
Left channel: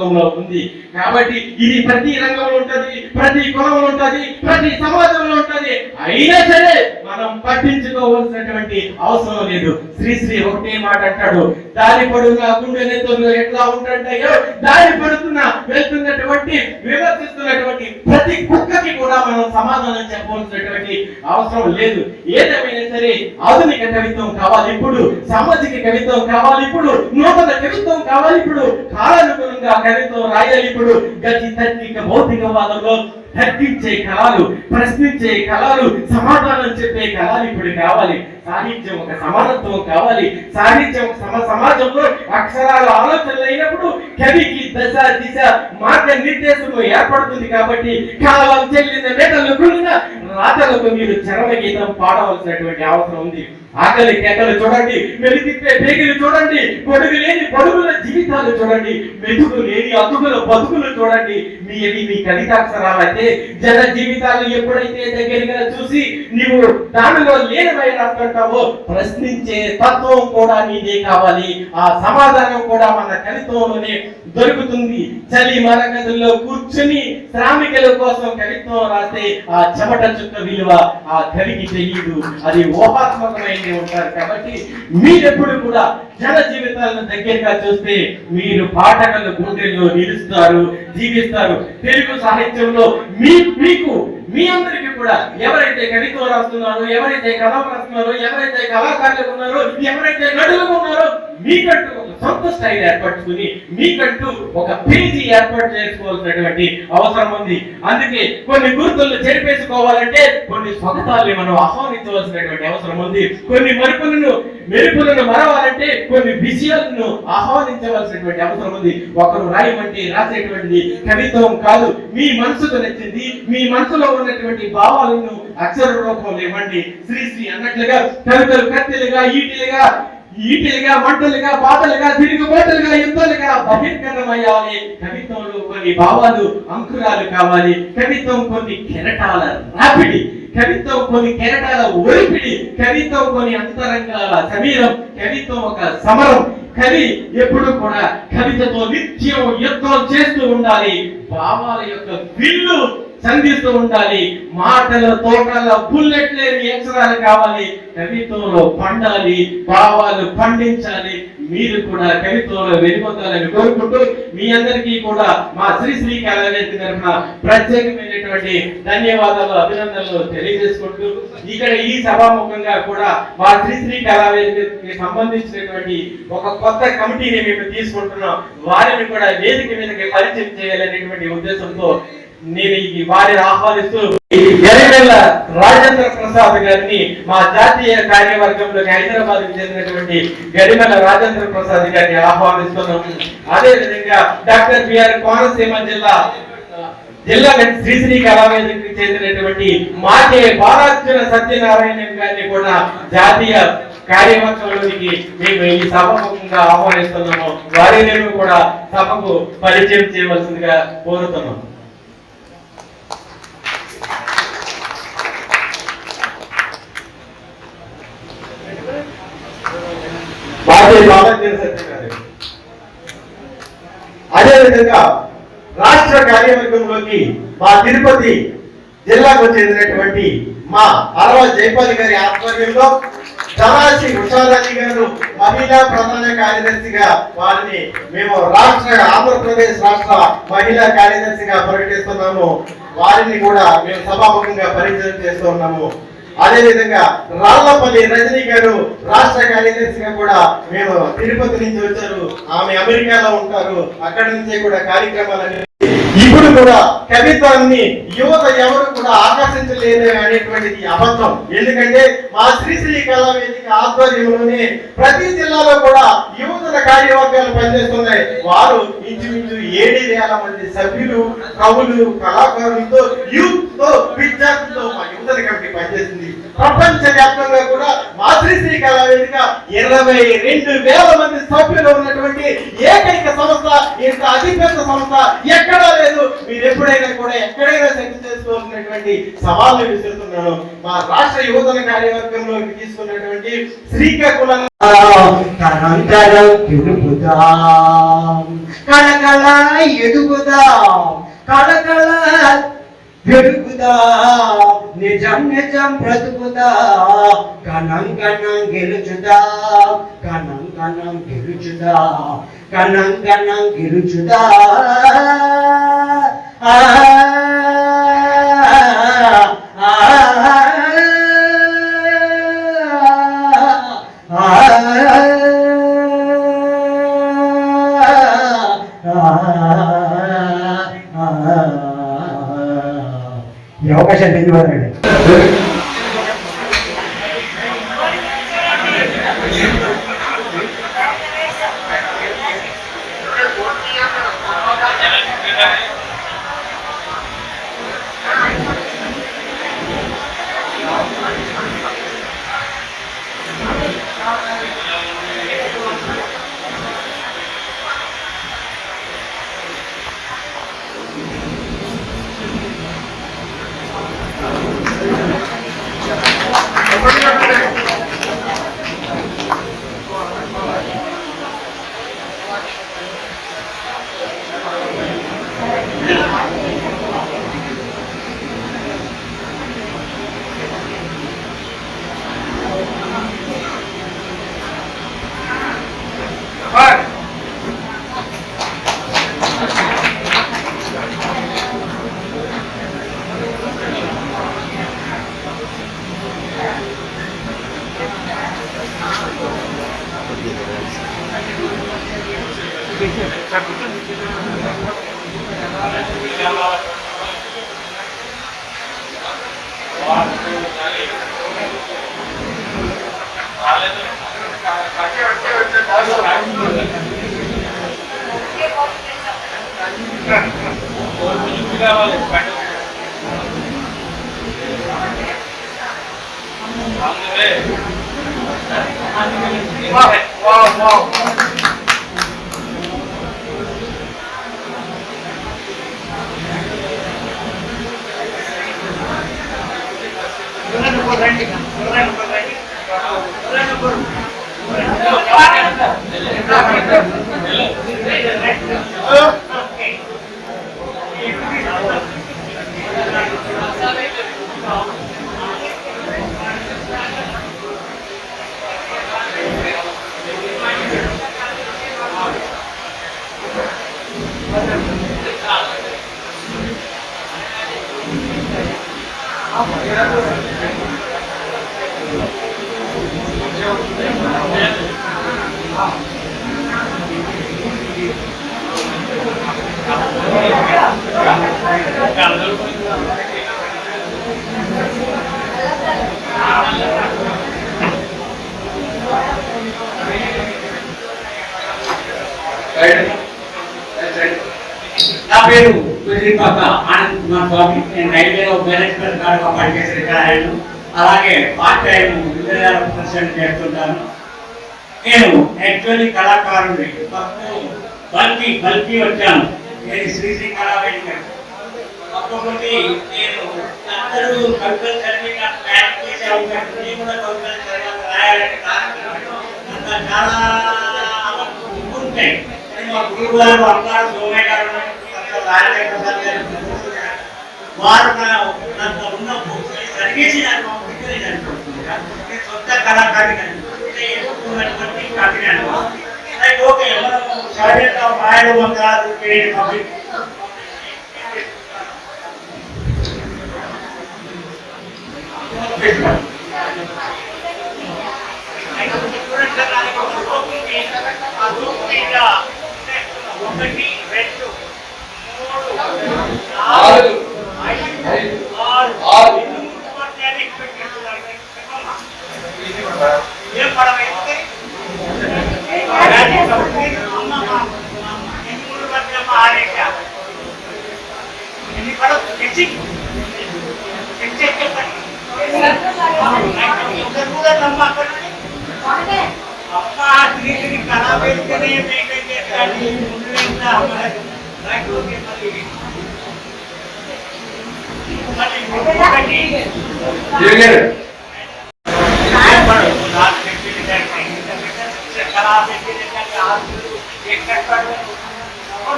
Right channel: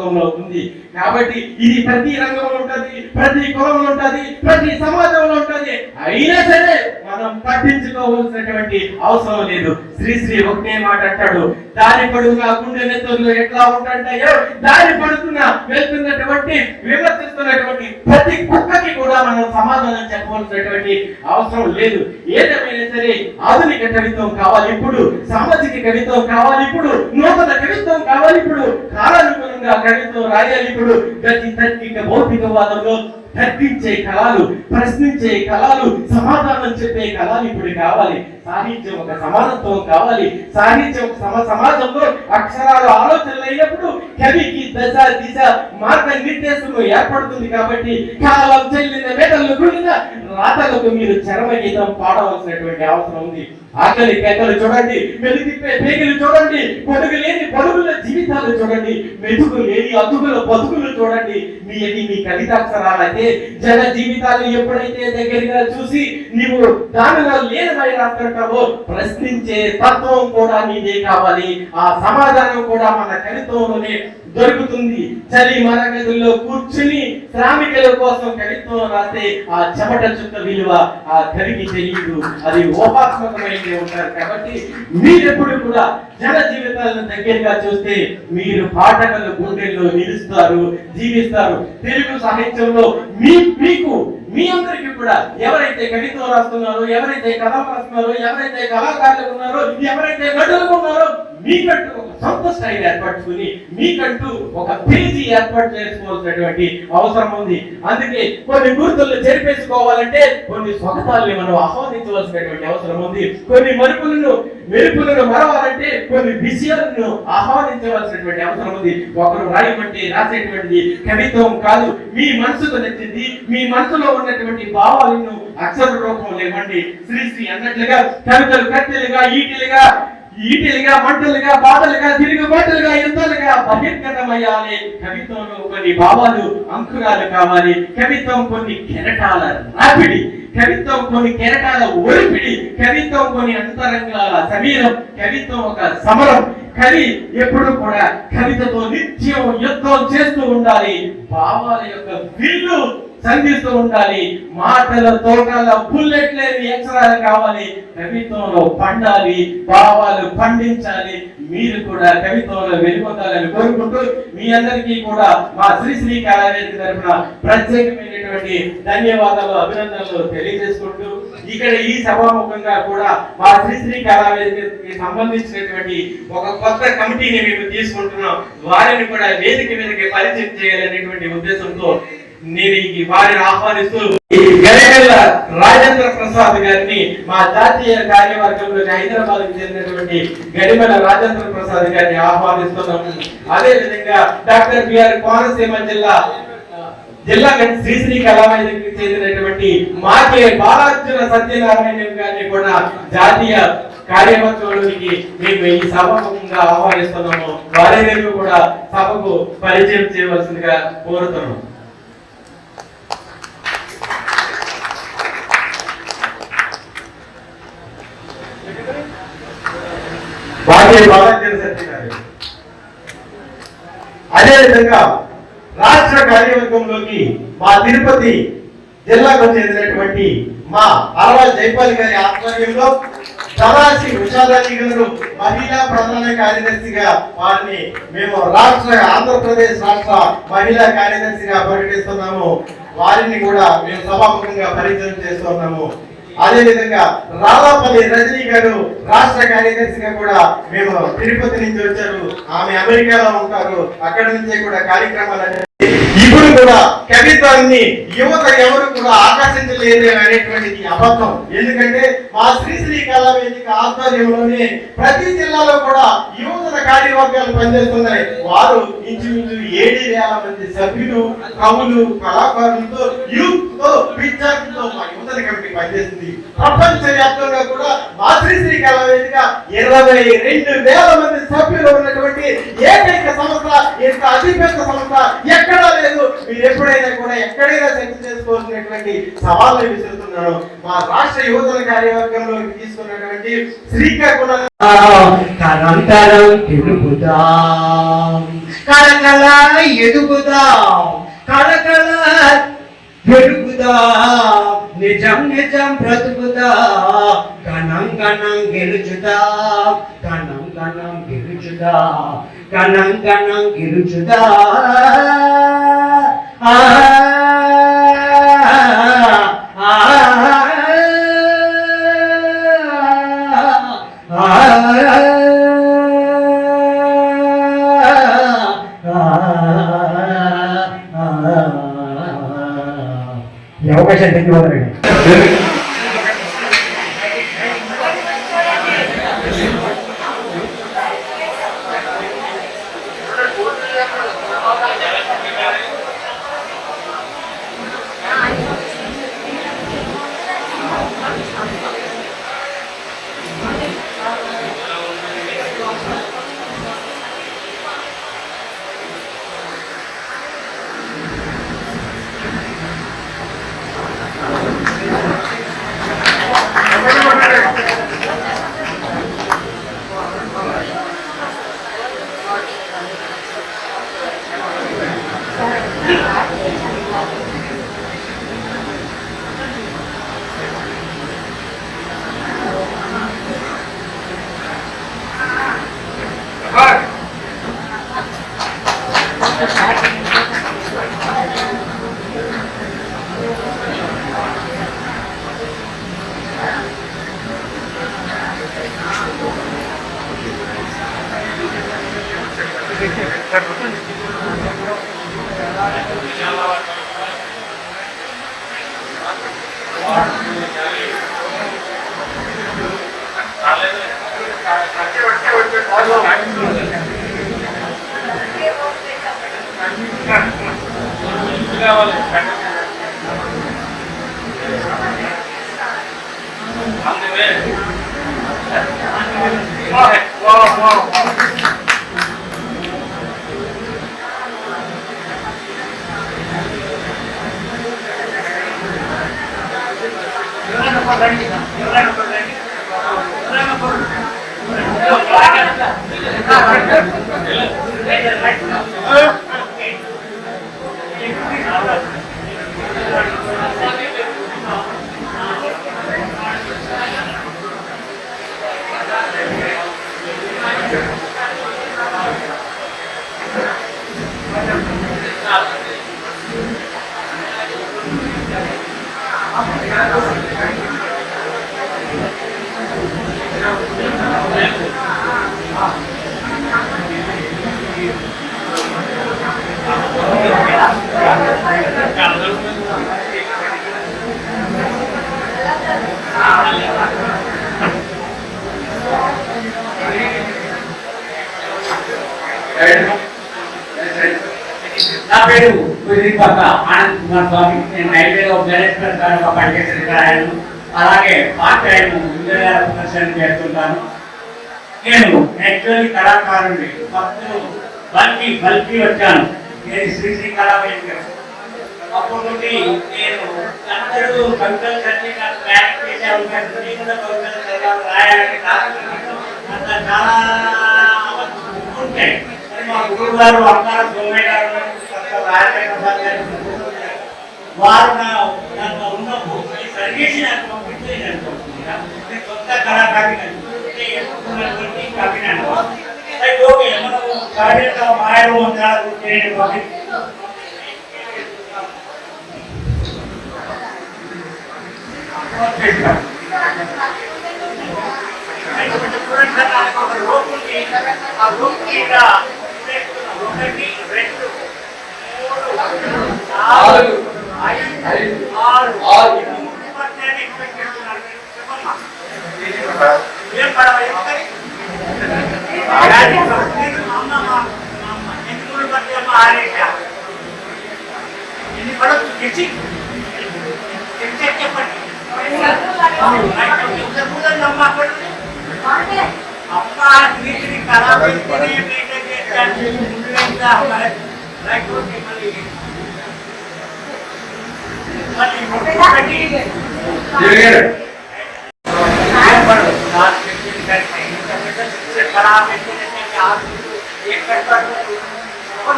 సమాజంలో ఉంది. కాబట్టి ఇది ప్రతి రంగంలో ఉంటది, ప్రతి కులంలో ఉంటది, ప్రతి సమాజంలో ఉంటది. అయినా సరే మనం పట్టించుకోవాల్సినటువంటి అవసరం లేదు. శ్రీశ్రీ ఒకటే మాట అంటాడు, దారి పడున్న గుండె నెత్తులు ఎట్లా ఉంటుంటాయో దారి పడుతున్న వెళ్తున్నటువంటి విమర్శిస్తున్నటువంటి ప్రతి కుక్కకి కూడా మనం సమాధానం చెప్పవలసినటువంటి అవసరం లేదు. ఏదేమైనా సరే ఆధునిక కవిత్వం కావాలి ఇప్పుడు, సామాజిక కవిత్వం కావాలి ఇప్పుడు, నూతన కవిత్వం కావాలి ఇప్పుడు, కాలానుగుణంగా కవిత్వం రాయాలి ఇప్పుడు. గతి తార్కిక భౌతికవాదంలో తర్కించే కళలు, ప్రశ్నించే కళలు, సమాధానం చెప్పే కళలు ఇప్పుడు కావాలి. సాహిత్యం ఒక సమానత్వం కావాలి. సాహిత్యం సమాజంలో అక్షరాలు ఆలోచనలు అయినప్పుడు కవికి దశ దిశ మార్గ నిర్దేశము ఏర్పడుతుంది. కాబట్టి కాలం చెల్లిన మేటలు కూడిన రాతలకు మీరు చరమగీతం పాడవలసినటువంటి అవసరం ఉంది. ఆకలి కేకలు చూడండి, వెలిగిప్పే పేగిలు చూడండి, పొడుగు లేని పొడుగుల జీవితాలు చూడండి, మెతుకు లేని అతుకుల బతుకులు చూడండి. మీ కవితాక్షరాలైతే జన జీవితాలు ఎప్పుడైతే దగ్గరగా చూసి నీవు దానిలో లేనివై రాస్తుంటావో ప్రశ్నించే తత్వం కూడా నీదే కావాలి. ఆ సమాధానం కూడా మన కవిత్వంలోనే దొరుకుతుంది. చలి మరగదుల్లో కూర్చుని శ్రామికుల కోసం కవిత్వం రాస్తే ఆ చెమట చుక్క విలువ ఆ కవికి తెలియదు, అది ఊహాత్మకమైన ఉంటారు. కాబట్టి మీరెప్పుడు కూడా జన జీవితాలను దగ్గరగా చూస్తే మీరు పాఠకుల గుండెల్లో నిలుస్తారు, జీవిస్తారు. తెలుగు సాహిత్యంలో మీకు మీ అందరికీ కూడా ఎవరైతే కవిత్వం రాస్తున్నారో, ఎవరైతే కథలు రాస్తున్నారో, ఎవరైతే కళాకారులు ఉన్నారో, ఎవరైతే నటులు ఉన్నారో మీకంటూ ఒక సొంత స్టైల్ ఏర్పరచుకుని మీకంటూ ఒక పేజీ ఏర్పాటు చేసుకోవాల్సినటువంటి అవసరం ఉంది. అందుకే కొన్ని గుర్తులను చెరిపేసుకోవాలంటే కొన్ని స్వగతాల్ని మనం ఆహ్వానించవలసినటువంటి అవసరం ఉంది. కొన్ని మెరుపులను మరవాలంటే కొన్ని విషయాలను ఆహ్వానించవలసినటువంటి అవసరం ఉంది. ఒకరు రాయమంటే రాసేటువంటిది కవిత్వం కాదు, మీ మనసుకు నచ్చింది, మీ మనసులో ఉన్నటువంటి భావాలను అక్షర రూపంలో ఇవ్వండి. శ్రీశ్రీ అన్నట్లుగా కవితలు కత్తెలుగా ఈటిలుగా మంటలుగా బాటలుగా తిరుగుబాటులుగా యుద్ధాలుగా బహిర్గతమయ్యాలి. కవిత్వంలో కొన్ని భావాలు అంకురాలు కావాలి. కవిత్వం కొన్ని కెరటాల రాపిడి, కవిత్వం కొన్ని కెరటాల ఒలిపిడి, కవిత్వం కొన్ని అంతరంగాల సమీరం, కవిత్వం ఒక సమరం. కవి ఎప్పుడు కూడా కవితతో నిత్యం యుద్ధం చేస్తూ ఉండాలి. భావాల యొక్క విల్లు సంధిస్తూ ఉండాలి. మాటల తోటల బుల్లెట్ లేని అక్షరాలు కావాలి. కవిత్వంలో పండాలి, భావాలు పండించాలి. మీరు కూడా కవిత్వంలో వెలుగొందాలని కోరుకుంటూ మీ అందరికీ కూడా మా శ్రీశ్రీ కళావేదిక తరఫున ప్రత్యేకమైనటువంటి ధన్యవాదాలు, అభినందనలు తెలియజేసుకుంటూ ఇక్కడ ఈ సభాముఖంగా కూడా మా శ్రీశ్రీ కళావేదికకి సంబంధించినటువంటి ఒక కొత్త కమిటీని మేము తీసుకుంటున్నాం. వారిని కూడా వేదిక మీదకి పరిచయం చేయాలనేటువంటి ఉద్దేశంతో నేను వారిని ఆహ్వానిస్తూ గరిమెల్ల రాజేంద్ర ప్రసాద్ గారిని మా జాతీయ కార్యవర్గంలోకి హైదరాబాద్ కు చెందినటువంటి గరిమెల్ల రాజేంద్ర ప్రసాద్ గారిని ఆహ్వానిస్తున్నాము. అదే విధంగా డాక్టర్ బిఆర్ కోనసీమ జిల్లా శ్రీశ్రీ కళావేదికకి చెందినటువంటి మాకే బాలార్జున సత్యనారాయణ గారిని కూడా జాతీయ కార్యవర్గంలోనికి మేము ఈ సభముఖంగా ఆహ్వానిస్తున్నాము. వారిని కూడా సభకు పరిచయం చేయవలసిందిగా కోరుతున్నాము. అదేవిధంగా రాష్ట్ర కార్యవర్గంలోకి మా తిరుపతి జిల్లాకు చెందినటువంటి మా అరవ జైపాల్ గారి ఆధ్వర్యంలో ధనాసి ఉషాదాని గారు మహిళా ప్రధాన కార్యదర్శిగా వారిని మేము ఆంధ్రప్రదేశ్ రాష్ట్ర మహిళా కార్యదర్శిగా ప్రకటిస్తున్నాము. వారిని కూడా మేము సభాముఖంగా పరిచయం చేస్తున్నాము. అదే విధంగా రాళ్ళపల్లి రజనీ గారు రాష్ట్ర కార్యదర్శిగా కూడా మేము తిరుపతి నుంచి వచ్చారు. ఆమె అమెరికాలో ఉంటారు. అక్కడి నుంచే కూడా కార్యక్రమాలు ఇప్పుడు కూడా కవిత్వాన్ని యువత ఎవరు కూడా ఆకర్షించలేదు అనేటువంటిది అబద్ధం. ఎందుకంటే మా శ్రీశ్రీ కళావేదిక ఆధ్వర్యంలోనే ప్రతి జిల్లాలో కూడా యువతల కార్యవర్గాలు పనిచేస్తున్నాయి. వారు ఇంచుమించు 7,000 మంది సభ్యులు, కవులు, కళాకారులతో, యూత్ తో, విద్యార్థులతో మా యువతల కమిటీ పనిచేస్తుంది. ప్రపంచ వ్యాప్తంగా కూడా మా శ్రీశ్రీ కళావేదిక 22,000 మంది సభ్యులు ఉన్నటువంటి ఏకైక సంస్థ, ఇంత అతిపెద్ద సంస్థ ఎక్కడా లేదు. మీరు ఎప్పుడైనా కూడా ఎక్కడైనా సెక్స్ చేసుకోవాల్సినటువంటి సవాళ్ళు విసురుతున్నాను. మా రాష్ట్ర యువతల కార్యవర్గంలోకి తీసుకున్నటువంటి శ్రీకాకుళం కనంతరం తిరుగుదాం కళకళ ఎదుగుదాం, కళకళ పెరుగుదాం, నిజం నిజం బ్రతుకుదాం, గణం గణం గెలుచుదాం, గణం గణం గెలుచుదాం, గణం గణం గెలుచుదాం. ఈ అవకాశాన్ని ధన్యవాదాలు. నా పేరు గురిపక్క ఆనంద్ కుమార్ స్వామి. నేను రైల్వేలో మేనేజ్మెంట్ గారుగా పనిచేసిన రిటైర్. అలాగే పార్ట్ టైం ఇంజనీర్ ప్రదర్శన చేస్తుంటాను. నేను యాక్చువల్లీ కళాకారుడి ఫస్ట్ బల్కి వచ్చాను. నేను శ్రీశ్రీ కళావేదిక. అప్పటి నుండి నేను అందరూ కవితలు చదివి నాకు ప్లాన్ చేసేవాళ్ళు. నేను కూడా కవితలు చదవాలి, రాయాలని అంత చాలా ఉంటాయి. మా గురువు గారు అమ్మారు సోమయ్య గారు వారు నాకు ఉన్న బుక్ని సరిగేసి నాకు పంపించి సొంత కళాకారి కాకినాడ. ఓకే మనం సహజంగా మాయలు మంత్రాలు చేయని పబ్లిక్ ఆ రూపు ఇలా 1 2 3 4 5 6 ఎక్స్పెక్ట్ చేస్తున్నాను. ఏం పడవ ఎత్తాయి ఎన్ని మూడు పట్ల ఆరేట ఎన్ని పడవ తెచ్చి చెప్పండి. అమ్మ తిరిగి కళావేదికనే మెయింటైన్ చేస్తాను. ముందు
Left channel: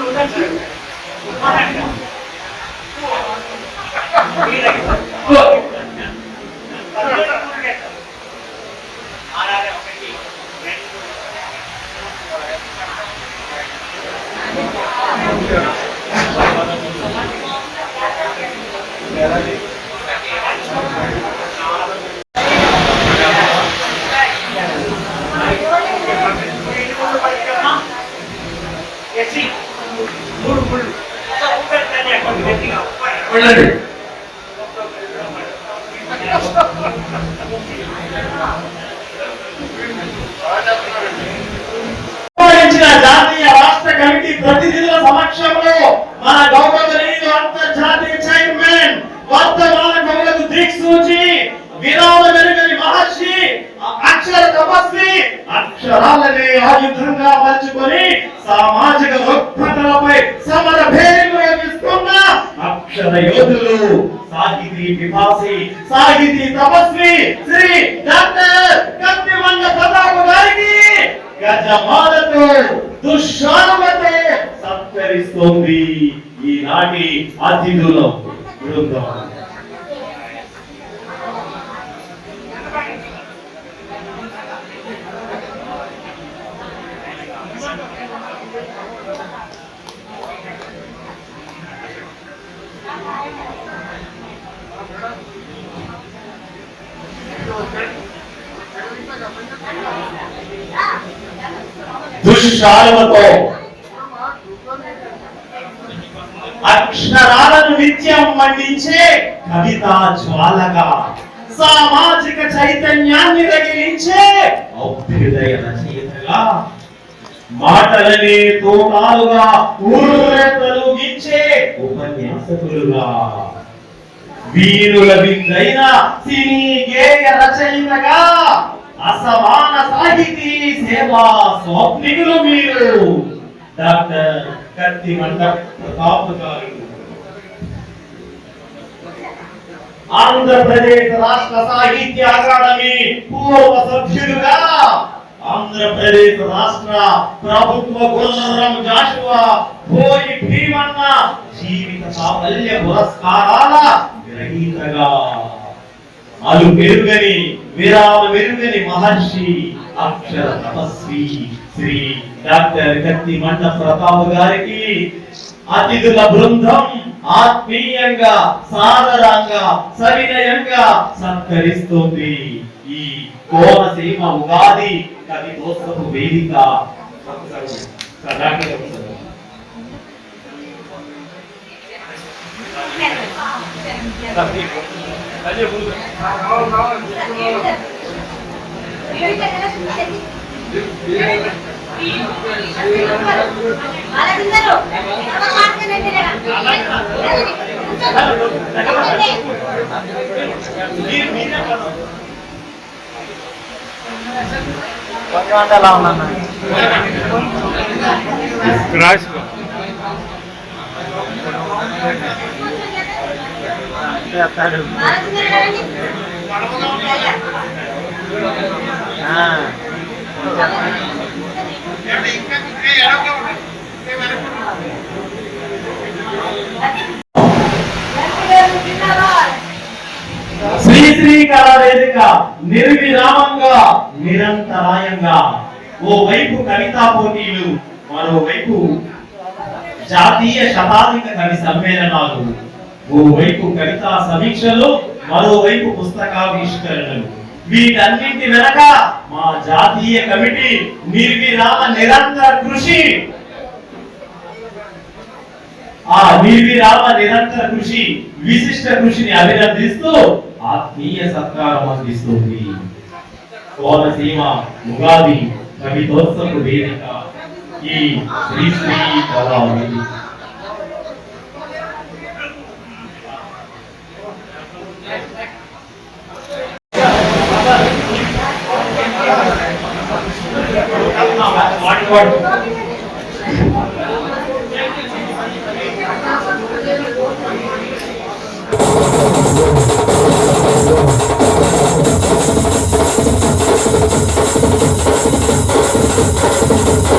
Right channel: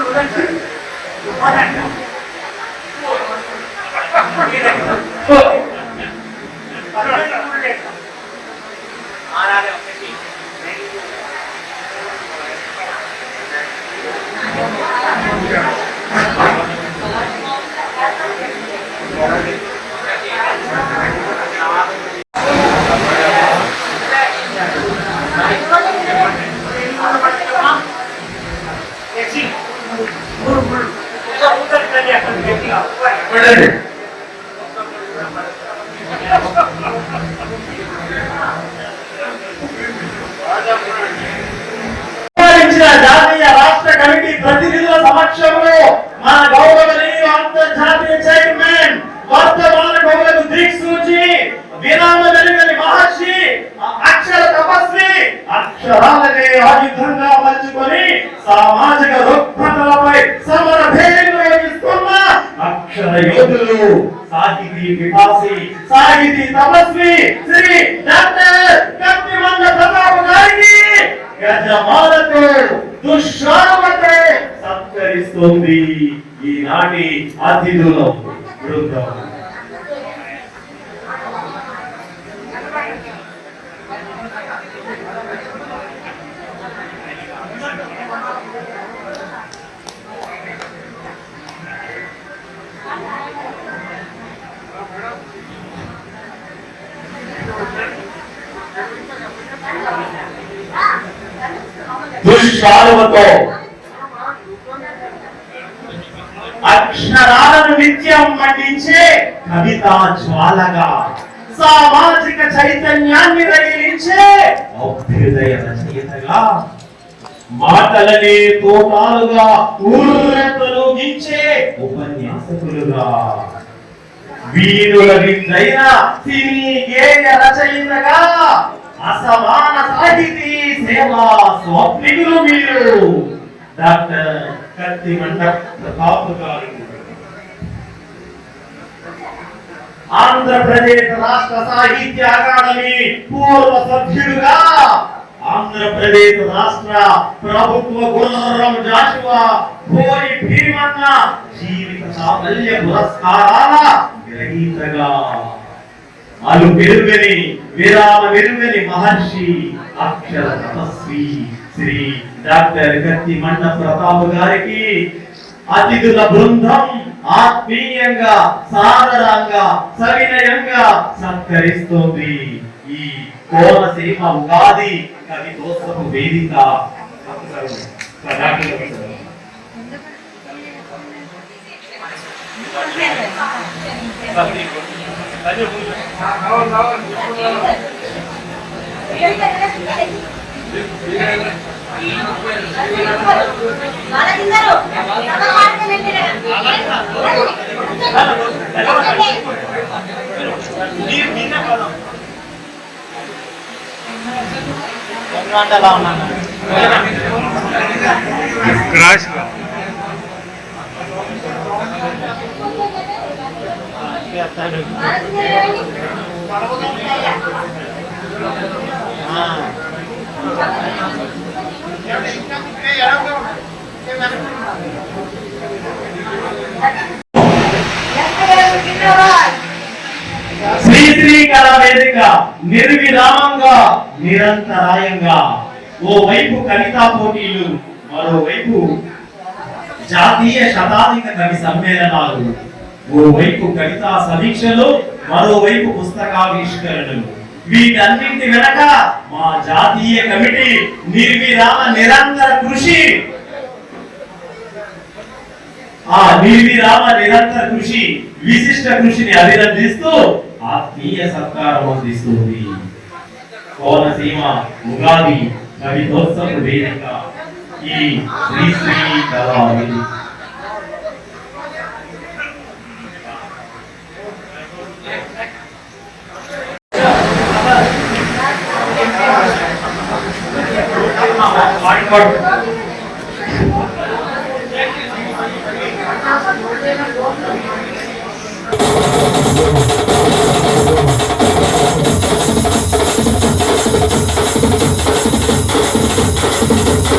జాతీయ రాష్ట్ర కమిటీ ప్రతినిధుల సమక్షంలో మన గౌరవనీయులు అంతర్జాతీయ చైర్మన్ వర్తమాన గౌరవ దిక్సూచి విరామ వెలుగని మహర్షి అక్షర తపస్వి అక్షరాలనే ఆయుధంగా మలుచుకొని సామాజిక రుగ్మతలపై సమర భేరీలు వేస్తున్న అక్షర యోధులు సాహితీ విభాసి సాహితీ తపస్వి శ్రీ డాక్టర్ కత్తిమండ ప్రతాప్ గారికి గజమాలతో దుశ్శాలతో సత్కరిస్తోంది ఈనాటి అతిథుల బృందం. దుశ్శాలతో అక్షరాలను నిత్యం మండించే కవితా జ్వాలగా సామాజిక చైతన్యాన్ని రగిలించే అభ్యుదయ రచయితగా మాటలనే తోటాలుగా ఊరతలుగించే ఉపన్యాసకులుగా వీరుల విందైన సినీ గేయ రచయితగా అసమాన సాహితీ సేవా స్వప్నికులు మీరు డాక్టర్ కత్తిమండ ప్రతాప్ గారు. ఆంధ్రప్రదేశ్ రాష్ట్ర సాహిత్య అకాడమీ పూర్వ సభ్యులుగా ఆంధ్రప్రదేశ్ రాష్ట్ర ప్రభుత్వ గుర్రం జాషువా భోయి భీమన్న జీవిత సాఫల్య పురస్కారాల గ్రహీతగా అలు పెరుగని విరామ మెరుగని మహర్షి అక్షర తపస్వి శ్రీ డాక్టర్ కత్తిమండ ప్రతాప్ గారికి అతిథుల బృందం ఆత్మీయంగా సాదరంగా సవినయంగా సత్కరిస్తోంది. ఈ కోనసీమ ఉగాది కవితోత్సవ వేదిక శ్రీ కళా వేదిక నిర్విరామంగా నిరంతరాయంగా ఓవైపు కవితా పోటీలు, మరోవైపు జాతీయ శతాధిక కవి సమ్మేళనాలు, ఓవైపు కవితా సమీక్షలు, మరోవైపు పుస్తకావిష్కరణలు. వీటన్నింటి వెనక మా జాతీయ కమిటీ నిర్విరామ నిరంతర కృషి. ఆ నిర్విరామ నిరంతర కృషి విశిష్ట కృషిని అభినందిస్తూ ఆత్మీయ సత్కారం అందిస్తుంది. కోనసీమ ఉగాది కవితోత్సవ వేదిక ఈ శ్రీ శ్రీ కళా వేదిక.